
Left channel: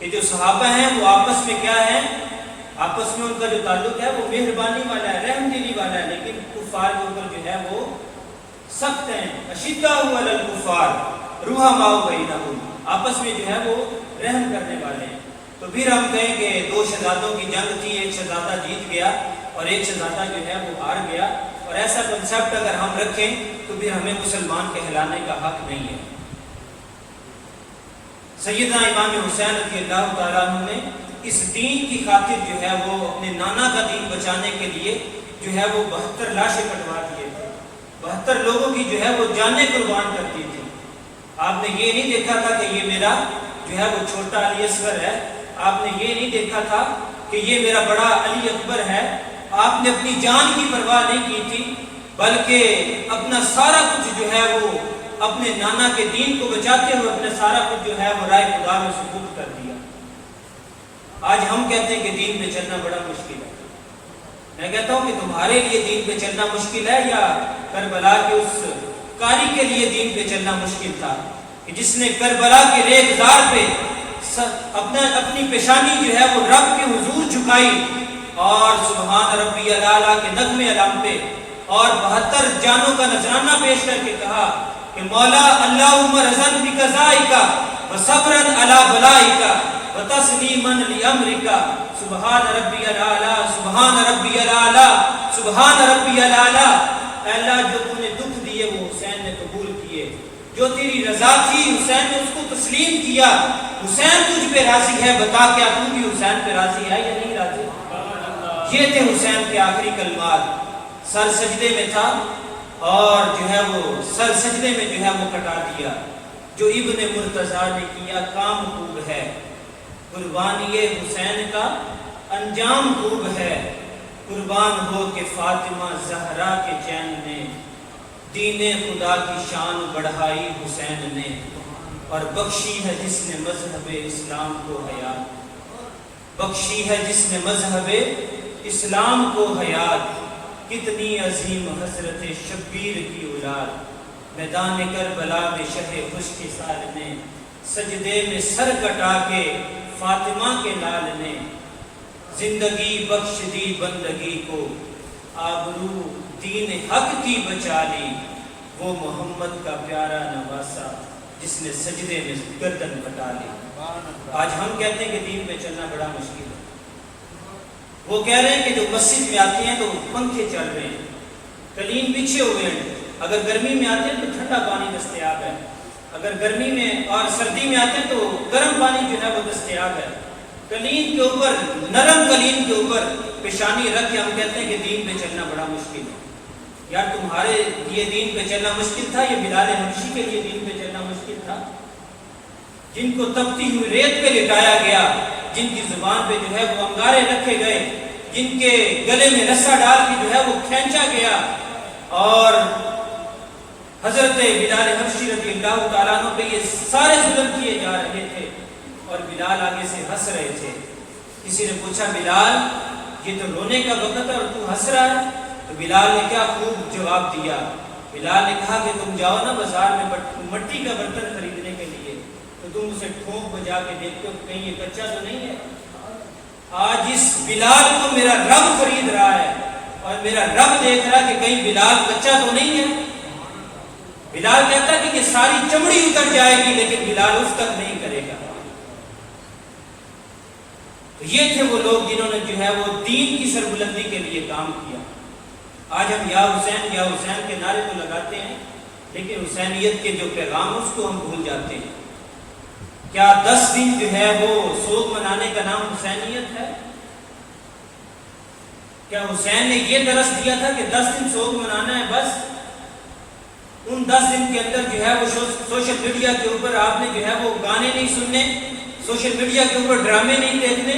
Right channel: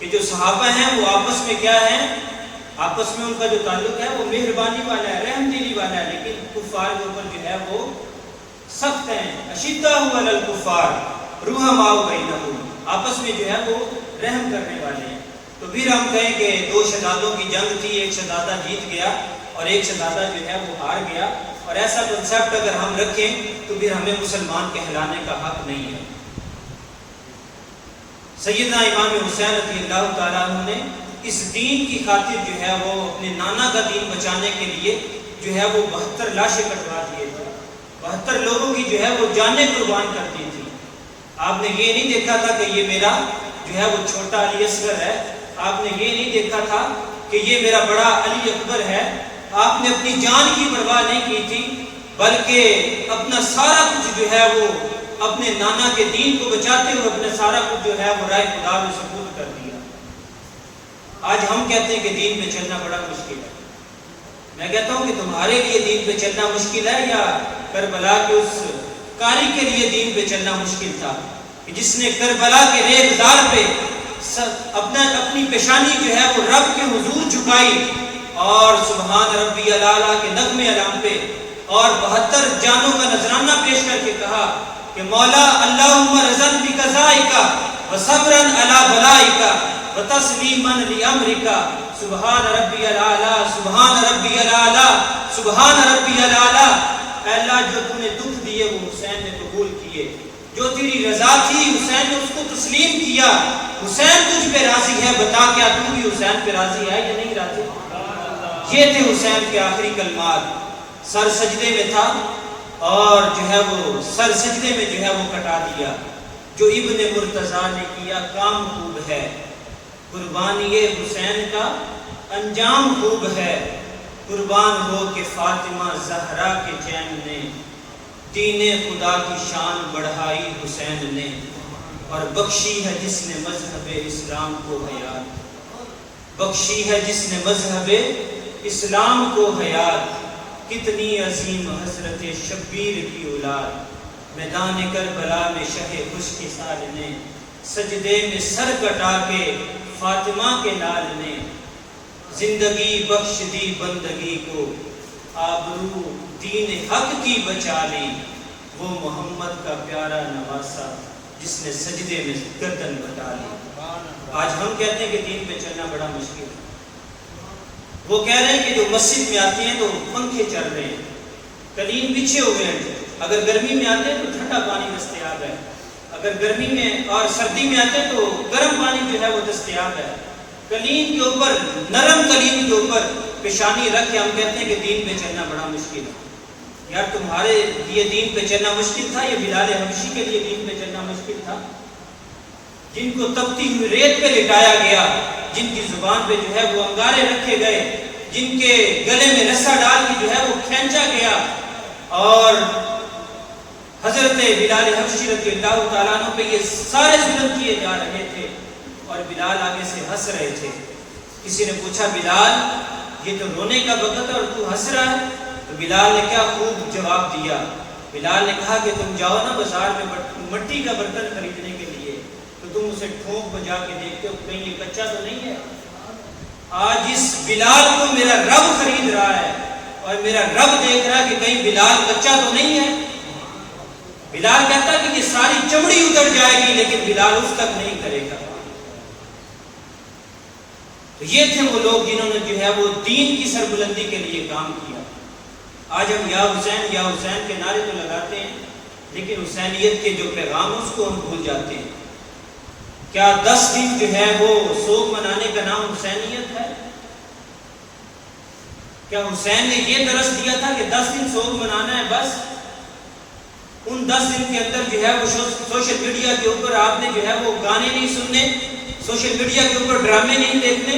کہ جو صحابہ ہیں وہ آپس میں کیا ہے, آپس میں ان کا جو تعلق ہے وہ مہربانی والا ہے, رحم دلی والا ہے, لیکن کفار کے اوپر جو ہے وہ سخت ہیں. اشداء علی الکفار رحماء بینہم, آپس میں جو ہے وہ رحم کرنے والے ہیں. تو پھر ہم کہیں کہ دو شہزادوں کی جنگ تھی, ایک شہزادہ جیت گیا اور ایک شہزادہ جو ہے وہ ہار گیا, اور ایسا کنسیپٹ اگر ہم رکھیں تو پھر ہمیں مسلمان کہلانے کا حق نہیں ہے. سیدنا امام حسین رضی اللہ تعالیٰ عنہ نے اس دین کی خاطر جو ہے وہ اپنے نانا کا دین بچانے کے لیے جو ہے وہ 72 لاشیں کٹوا دیے تھے. 72 لوگوں کی جو ہے وہ جانیں قربان کر دی تھی. آپ نے یہ نہیں دیکھا تھا کہ یہ میرا جو ہے وہ چھوٹا علی اصغر ہے, آپ نے یہ نہیں دیکھا تھا کہ یہ میرا بڑا علی اکبر ہے. آپ نے اپنی جان کی پرواہ نہیں کی تھی, بلکہ اپنا سارا کچھ جو ہے وہ اپنے نانا کے دین کو بچاتے ہوئے اپنا سارا کچھ جو ہے وہ رائے خدا میں سپرد کر دیا. آج ہم کہتے ہیں کہ دین پہ چلنا بڑا مشکل ہے. میں کہتا ہوں کہ تمہارے لیے دین پہ چلنا مشکل ہے یا کربلا کے اس قاری کے لیے دین پہ چلنا مشکل تھا کہ جس نے کربلا کے ریگزار پہ اپنی پیشانی جو ہے وہ رب کے حضور جھکائی اور سبحان ربی الاعلیٰ کے نغمے علام پہ اور 72 جانوں کا نذرانہ پیش کر کے کہا کہ مولا اللہم رضن بقضائکا وصبرن علی بلائکا وتسلیمن لامرکا سبحان ربی الاعلیٰ, سبحان ربی الاعلیٰ, سبحان ربی الاعلیٰ. اے اللہ جو تو نے دکھ دیے وہ حسین نے قبول کیے, جو تیری رضا تھی حسین نے اس کو تسلیم کیا. حسین تجھ پہ راضی ہے, بتا کیا تو بھی حسین پہ راضی ہے یا نہیں راضی؟ یہ تھے حسین کے آخری کلمات. سر سجدے میں تھا اور جو ہے وہ سر سجدے میں جو ہے وہ کٹا دیا. جو ابن مرتضیٰ نے کیا کام خوب ہے, قربانی حسین کا انجام خوب ہے. قربان ہو کہ فاطمہ زہرا کے چین نے دین خدا کی شان بڑھائی حسین نے, اور بخشی ہے جس نے مذہب اسلام کو حیات, بخشی ہے جس نے مذہب اسلام کو حیات. کتنی عظیم حضرت شبیر کی اولاد, میدان کربلا میں شہ خشک سال نے سجدے میں سر کٹا کے فاطمہ کے لال نے زندگی بخش دی بندگی کو, آبرو دین حق کی بچا لی. وہ محمد کا پیارا نواسا جس نے سجدے میں گردن کٹا لی. آج ہم کہتے ہیں کہ دین پہ چلنا بڑا مشکل ہے. وہ کہہ رہے ہیں کہ جو مسجد میں آتے ہیں تو پنکھے چل رہے ہیں, قلین بچھے ہوئے ہیں. اگر گرمی میں آتے ہیں تو ٹھنڈا پانی دستیاب ہے, اگر گرمی میں اور سردی میں آتے ہیں تو گرم پانی جو ہے وہ دستیاب ہے. قلین کے اوپر, نرم قلین کے اوپر پیشانی رکھ کے ہم کہتے ہیں کہ دین پہ چلنا بڑا مشکل ہے. یار تمہارے لیے دین پہ چلنا مشکل تھا یا بلال حبشی کے لیے دین پہ چلنا مشکل تھا؟ جن کو تپتی ہوئی ریت پہ لٹایا گیا, جن کی زبان پہ جو ہے وہ انگارے رکھے گئے, جن کے گلے میں رسا ڈال کے جو ہے وہ کھینچا گیا, اور حضرت بلال حبشی رضی اللہ تعالیٰ عنہ پہ یہ سارے ظلم کیے جا رہے تھے اور بلال آگے سے ہنس رہے تھے. کسی نے پوچھا بلال یہ تو رونے کا وقت ہے اور تو ہنس رہا ہے؟ تو بلال نے کیا خوب جواب دیا. بلال نے کہا کہ تم جاؤ نا بازار میں مٹی کا برتن خریدنے کے لیے تو تم اسے ٹھونک بجا کے دیکھتے ہو کہیں یہ کچا تو نہیں ہے. آج اس بلال کو میرا رب خرید رہا ہے اور میرا رب دیکھ رہا ہے کہ کہیں بلال کچا تو نہیں ہے. بلال کہتا ہے کہ یہ ساری چمڑی اتر جائے گی لیکن بلال اس تک نہیں کرے گا. تو یہ تھے وہ لوگ جنہوں نے جو ہے وہ دین کی سربلندی کے لیے کام کیا. آج ہم یا حسین کے نعرے تو لگاتے ہیں لیکن حسینیت کے جو پیغام اس کو ہم بھول جاتے ہیں. کیا 10 دن جو ہے وہ سوگ منانے کا نام حسینیت ہے؟ کیا حسین نے یہ درس دیا تھا کہ 10 دن سوگ منانا ہے بس؟ ان 10 دن کے اندر جو ہے وہ سوشل میڈیا کے اوپر آپ نے جو ہے وہ گانے نہیں سننے، سوشل میڈیا کے اوپر ڈرامے نہیں دیکھنے،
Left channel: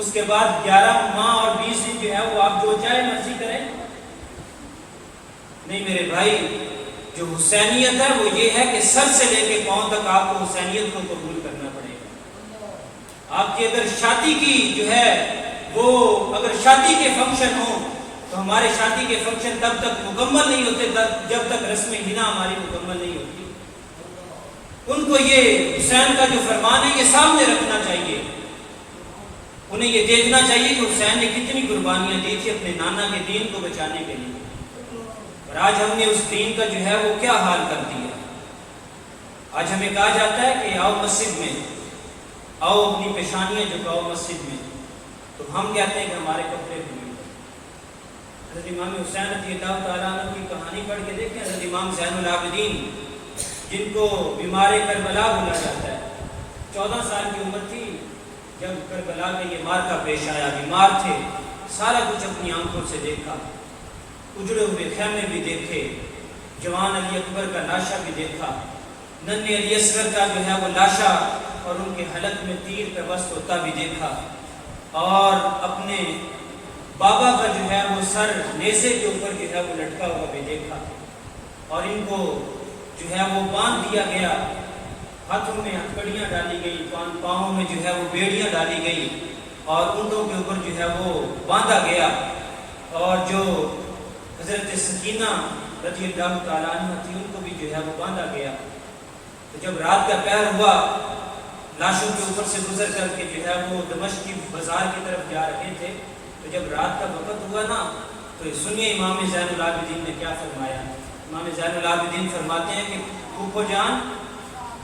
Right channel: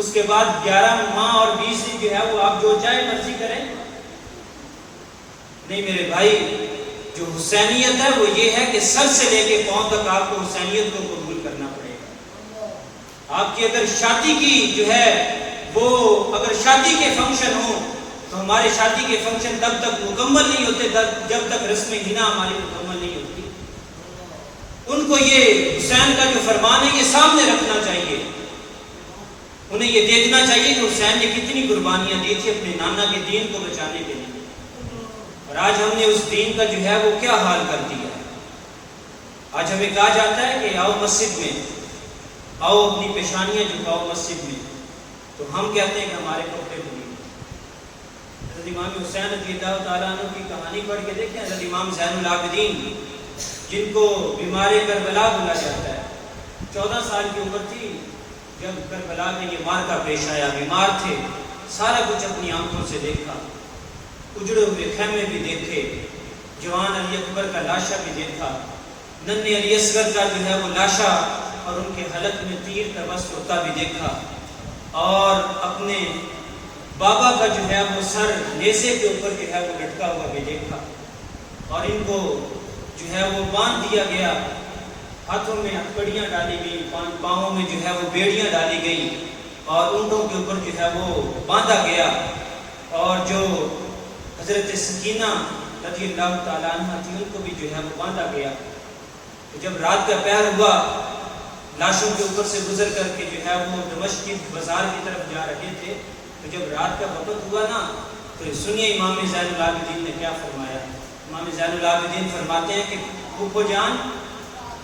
اس کے بعد 11 ماہ اور 20 دن جو ہے وہ آپ جو چاہے مرضی کریں؟ نہیں میرے بھائی، جو حسینیت ہے وہ یہ ہے کہ سر سے لے کے پاؤں تک آپ کو حسینیت کو قبول کرنا پڑے گا. آپ کی اگر شادی کی جو ہے وہ اگر شادی کے فنکشن ہوں تو ہمارے شادی کے فنکشن تب تک مکمل نہیں ہوتے جب تک رسم حنا ہماری مکمل نہیں ہوتی. ان کو یہ حسین کا جو فرمان ہے یہ سامنے رکھنا چاہیے. انہیں یہ دیکھنا چاہیے کہ حسین نے کتنی قربانیاں دی تھی اپنے نانا کے دین کو بچانے کے لیے، اور آج ہم نے اس دین کا جو ہے وہ کیا حال کر دیا. آج ہمیں کہا جاتا ہے کہ آؤ مسجد میں، آؤ اپنی پیشانیاں جھکاؤ مسجد میں، تو ہم کہتے ہیں کہ ہمارے کپڑے دھوئے. حضرت امام حسین رضی اللہ تعالیٰ عنہ کی کہانی پڑھ کے دیکھیں. حضرت امام زین العابدین جن کو بیمار کربلا بولا جاتا ہے، 14 سال کی عمر تھی جب کربلا میں یہ مارکا پیش آیا. بیمار تھے، سارا کچھ اپنی آنکھوں سے دیکھا، اجڑے ہوئے خیمے بھی دیکھے، جوان علی اکبر کا لاشا بھی دیکھا، ننھے علی اصغر کا جو ہے وہ لاشا اور ان کے حلق میں تیر کا بس ہوتا بھی دیکھا، اور اپنے بابا کا جو ہے وہ سر نیزے کے اوپر جو ہے وہ لٹکا ہوا بھی دیکھا. اور ان کو جو ہے وہ باندھ دیا گیا، ہاتھوں میں ہتھکڑیاں ڈالی گئی، پاؤں میں جو ہے وہ بیڑیاں ڈالی گئی، اور اونٹوں کے اوپر جو ہے وہ باندھا گیا. اور جو حضرت سکینہ رضی اللہ تعالیٰ عنہ تھی ان کو بھی جو ہے وہ باندھا گیا. تو جب رات کا پہر ہوا، لاشوں کے اوپر سے گزر کر کے جو ہے وہ دمشق کی بازار کی طرف جا رہے تھے، تو جب رات کا وقت ہوا نا تو سنیے امام زین العابدین نے کیا فرمایا. امام زین العابدین فرماتے ہیں کہ پھوپھو جان،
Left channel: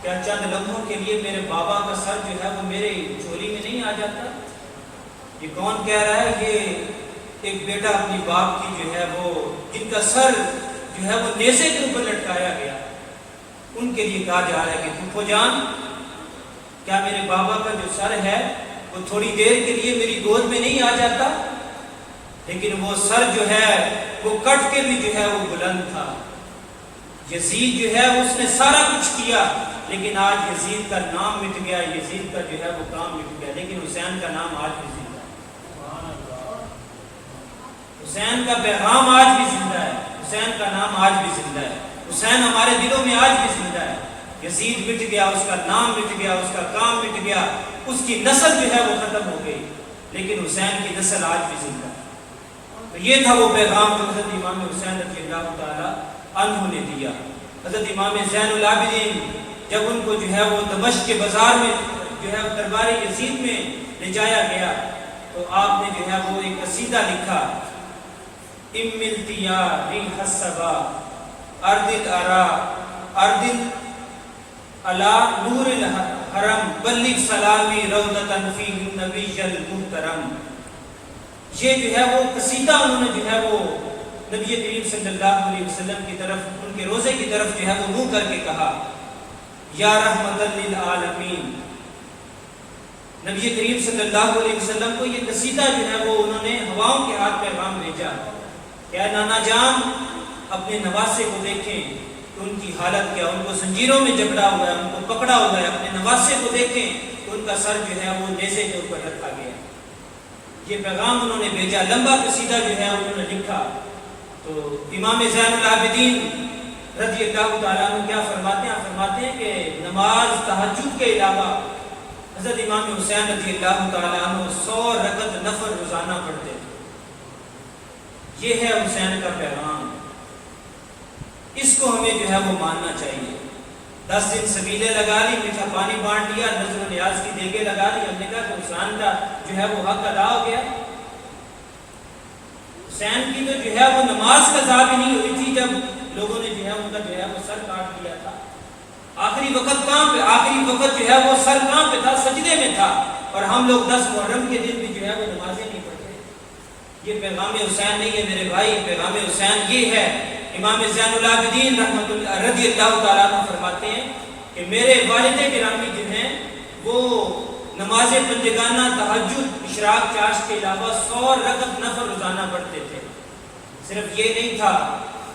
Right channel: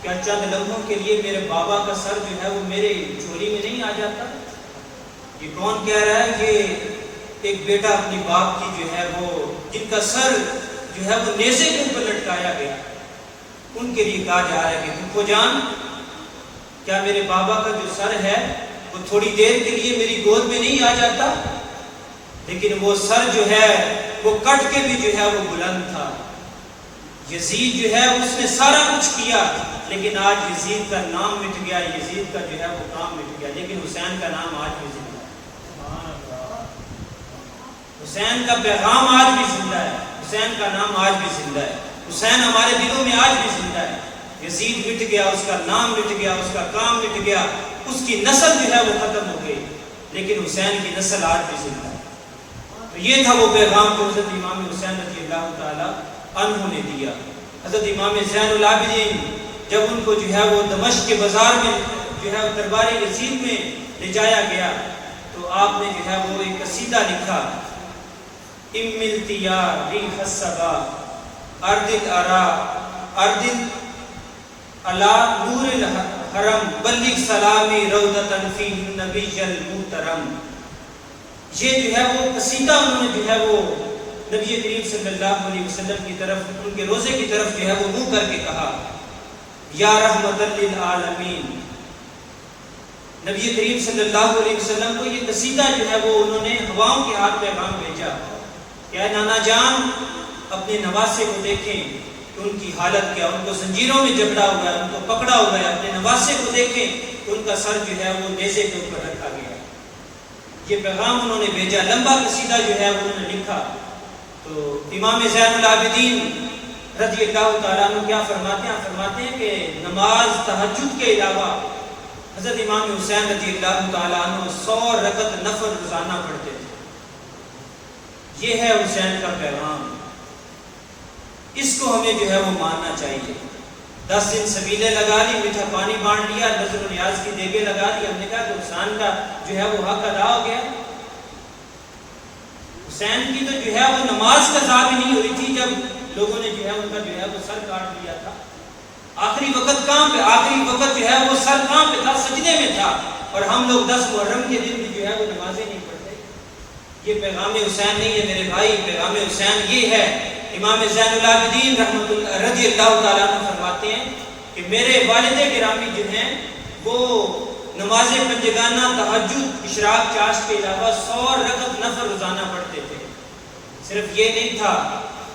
کیا چند لمحوں کے لیے میرے بابا کا سر جو ہے وہ میرے جھولی میں نہیں آ جاتا؟ یہ کون کہہ رہا ہے؟ یہ ایک بیٹا اپنی باپ کی جو ہے وہ جن کا سر جو ہے وہ نیزے کے اوپر لٹکایا گیا، ان کے لیے کہا جا رہا ہے کہ پھوپھو جان، کیا میرے بابا کا جو سر ہے وہ تھوڑی دیر کے لیے میری گود میں نہیں آ جاتا؟ لیکن وہ سر جو ہے وہ کٹ کے بھی جو ہے وہ بلند تھا. یزید جو ہے اس نے سارا کچھ کیا لیکن آج یزید کا نام مٹ گیا، یزید کا جو ہے وہ کام مٹ گیا، لیکن حسین کا نام آج بھی زندہ ہے. حسین کا پیغام آج بھی زندہ ہے، حسین کا نام آج بھی زندہ ہے، حسین ہمارے دلوں میں آج بھی زندہ ہے. یزید مٹ گیا، اس کا نام مٹ گیا، اس کا کام مٹ گیا، اس کی نسل جو ہے وہ ختم ہو گئی، لیکن حسین کی نسل آج بھی زندہ ہے. تو یہ تھا وہ پیغام جو حضرت امام حسین رضی اللہ تعالیٰ عنہ نے دیا. حضرت امام زین العابدین جب ان کو جو ہے وہ دمشق کے بازار میں جو ہے وہ دربار یزید میں لے جایا گیا تو آپ نے جو ہے وہ ایک قصیدہ لکھا، املتیا ریح الصبا ارد الارا ارد علی نور الحرم بلغ سلامی روضۃ فیہ النبی المحترم. یہ جو ہے وہ قصیدہ انہوں نے جو ہے وہ نبی کریم صلی اللہ علیہ وسلم کی طرف، ان کے روزے کی طرف جو ہے وہ منہ کر کے کہا، یا رحمت للعالمین. نبی کریم صلی اللہ علیہ وسلم کو یہ قصیدہ جو ہے وہ انہوں نے ہواؤں کے ہاتھ پیغام بھیجا کہ اے نانا جان، اپنے نواسے کو دیکھیں کہ ان کی حالت کیا، ان کو زنجیروں میں جکڑا ہوا ہے، ان کو پکڑا ہوا ہے. اپنے نواسے کو دیکھیں ان کا سر جو ہے وہ نیزے کے اوپر رکھا گیا. یہ پیغام انہوں نے بھیجا، لمبا قصیدہ جو ہے انہوں نے لکھا. تو امام زین العابدین رضی اللہ تعالیٰ عنہ کیا فرماتے ہیں؟ فرماتے ہیں کہ نماز تہجد کے علاوہ حضرت امام حسین رضی اللہ تعالیٰ عنہ 100 رکعت نفل روزانہ پڑھتے تھے. یہ ہے حسین کا پیغام، اس کو ہمیں جو ہے وہ ماننا چاہیے۔ 10 دن سبیلے لگا لی، میٹھا پانی بانٹ لیا، نذر و نیاز کی دیگیں لگا لی، ہم نے کہا کہ حسین کا جو ہے وہ حق ادا ہو گیا۔ حسین کی تو جو ہے وہ نماز قضا بھی نہیں ہوئی تھی جب لوگوں نے جو ہے ان کا جو ہے وہ سر کاٹ لیا تھا۔ آخری وقت کہاں پہ، آخری وقت جو ہے وہ سر کہاں پہ تھا؟ سجدے میں تھا، اور ہم لوگ 10 محرم کے دن بھی جو ہے وہ نمازیں نہیں پڑھتے۔ یہ پیغام حسین نہیں ہے میرے بھائی، پیغام حسین یہ ہے۔ امام زین العابدین رحمۃ اللہ رضی اللہ تعالیٰ عنہ فرماتے ہیں کہ میرے والد گرامی جو ہیں وہ نماز پنجگانہ، تہجد، اشراق، چاشت کے علاوہ 100 رکعت نفل روزانہ پڑھتے تھے۔ صرف یہ نہیں تھا،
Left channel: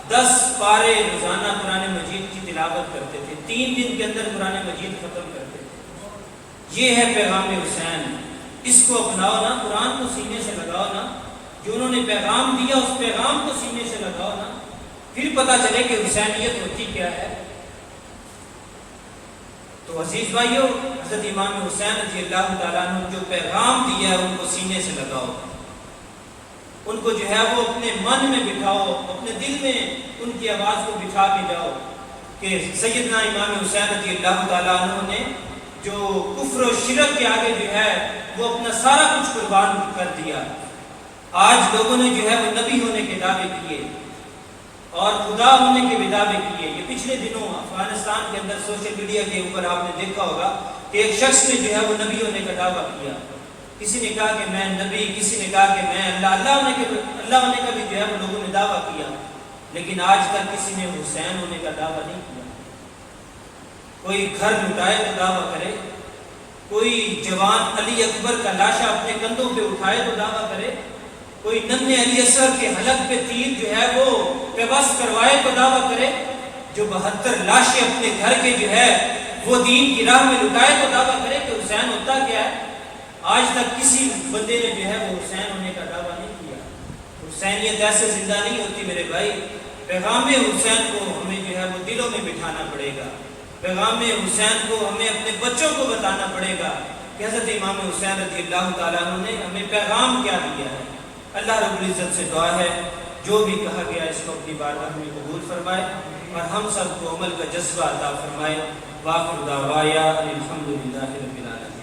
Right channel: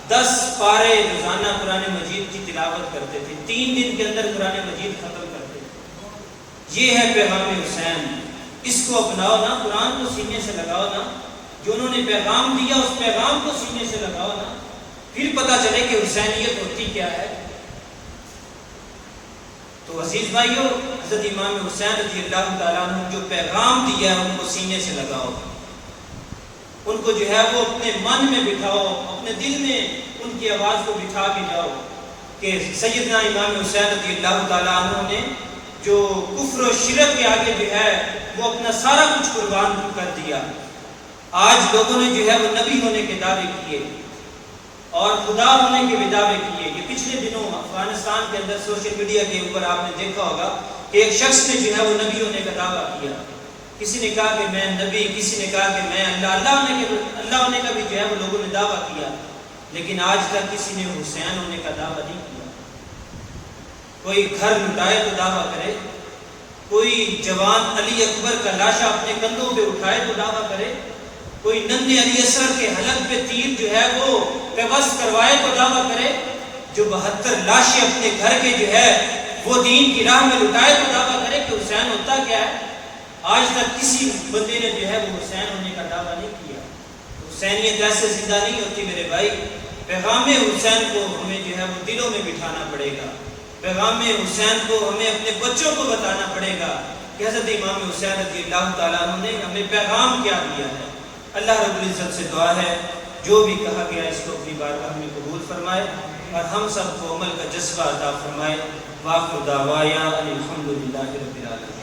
10 پارے روزانہ قرآن مجید کی تلاوت کرتے تھے، 3 دن کے اندر قرآن مجید ختم کرتے تھے۔ یہ ہے پیغام حسین، اس کو اپناؤ نا، قرآن کو سینے سے لگاؤ نا، جو انہوں نے پیغام دیا اس پیغام کو سینے سے لگاؤ نا، پھر پتہ چلے کہ حسینیت ہوتی کیا ہے۔ تو عزیز بھائیو، حضرت امام حسین رضی اللہ تعالیٰ عنہ جو پیغام دیا ہے ان کو سینے سے لگاؤ، ان کو جو ہے وہ اپنے من میں بٹھاؤ، اپنے دل میں ان کی آواز کو بٹھا کے جاؤ کہ سیدنا امام حسین رضی اللہ تعالیٰ عنہ نے جو کفر و شرک کے آگے جو ہے وہ اپنا سارا کچھ قربان کر دیا۔ آج لوگوں نے جو ہے وہ نبی ہونے کے دعوے کیے اور خدا ہونے کے بھی دعوے کیے۔ کہ پچھلے دنوں افغانستان کے اندر سوشل میڈیا کے اوپر آپ نے دیکھا ہوگا کہ ایک شخص نے جو ہے وہ نبی ہونے کا دعویٰ کیا۔ کسی نے کہا کہ میں نبی، کسی نے کہا کہ میں اللہ ہونے کا بھی جو ہے وہ لوگوں نے دعویٰ کیا، لیکن آج تک کسی نے حسین ہونے کا دعویٰ نہیں کیا۔ کوئی گھر لٹائے تو دعویٰ کرے، کوئی جوان علی اکبر کا لاشا اپنے کندھوں پہ اٹھائے تو دعویٰ کرے، کوئی ننھے علی اصغر کے حلق پہ تیر جو ہے وہ پیوست کروائے تو دعویٰ کرے، جو 72 لاشیں اپنے گھر کے جو ہے وہ دین کی راہ میں لٹائے تو دعویٰ کرے کہ حسین ہوتا کیا ہے۔ آج تک کسی بندے نے جو ہے وہ حسین ہونے کا دعویٰ نہیں کیا۔ حسینیت ایسے زندہ نہیں ہوتی میرے بھائی، پیغام حسین کو ہمیں جو ہے وہ دلوں میں بٹھانا پڑے گا، پیغام حسین کو ہمیں اپنے بچوں کو بتانا پڑے گا کہ حضرت امام حسین رضی اللہ تعالیٰ عنہ نے ہمیں پیغام کیا دیا ہے۔ اللہ رب العزت سے دعا ہے جو بھی کہا گیا اس کو اپنی بارگاہ میں قبول فرمائے اور ہم سب کو عمل کا جذبہ عطا فرمائے۔ وآخر دعوانا الحمد للہ رب العالمین۔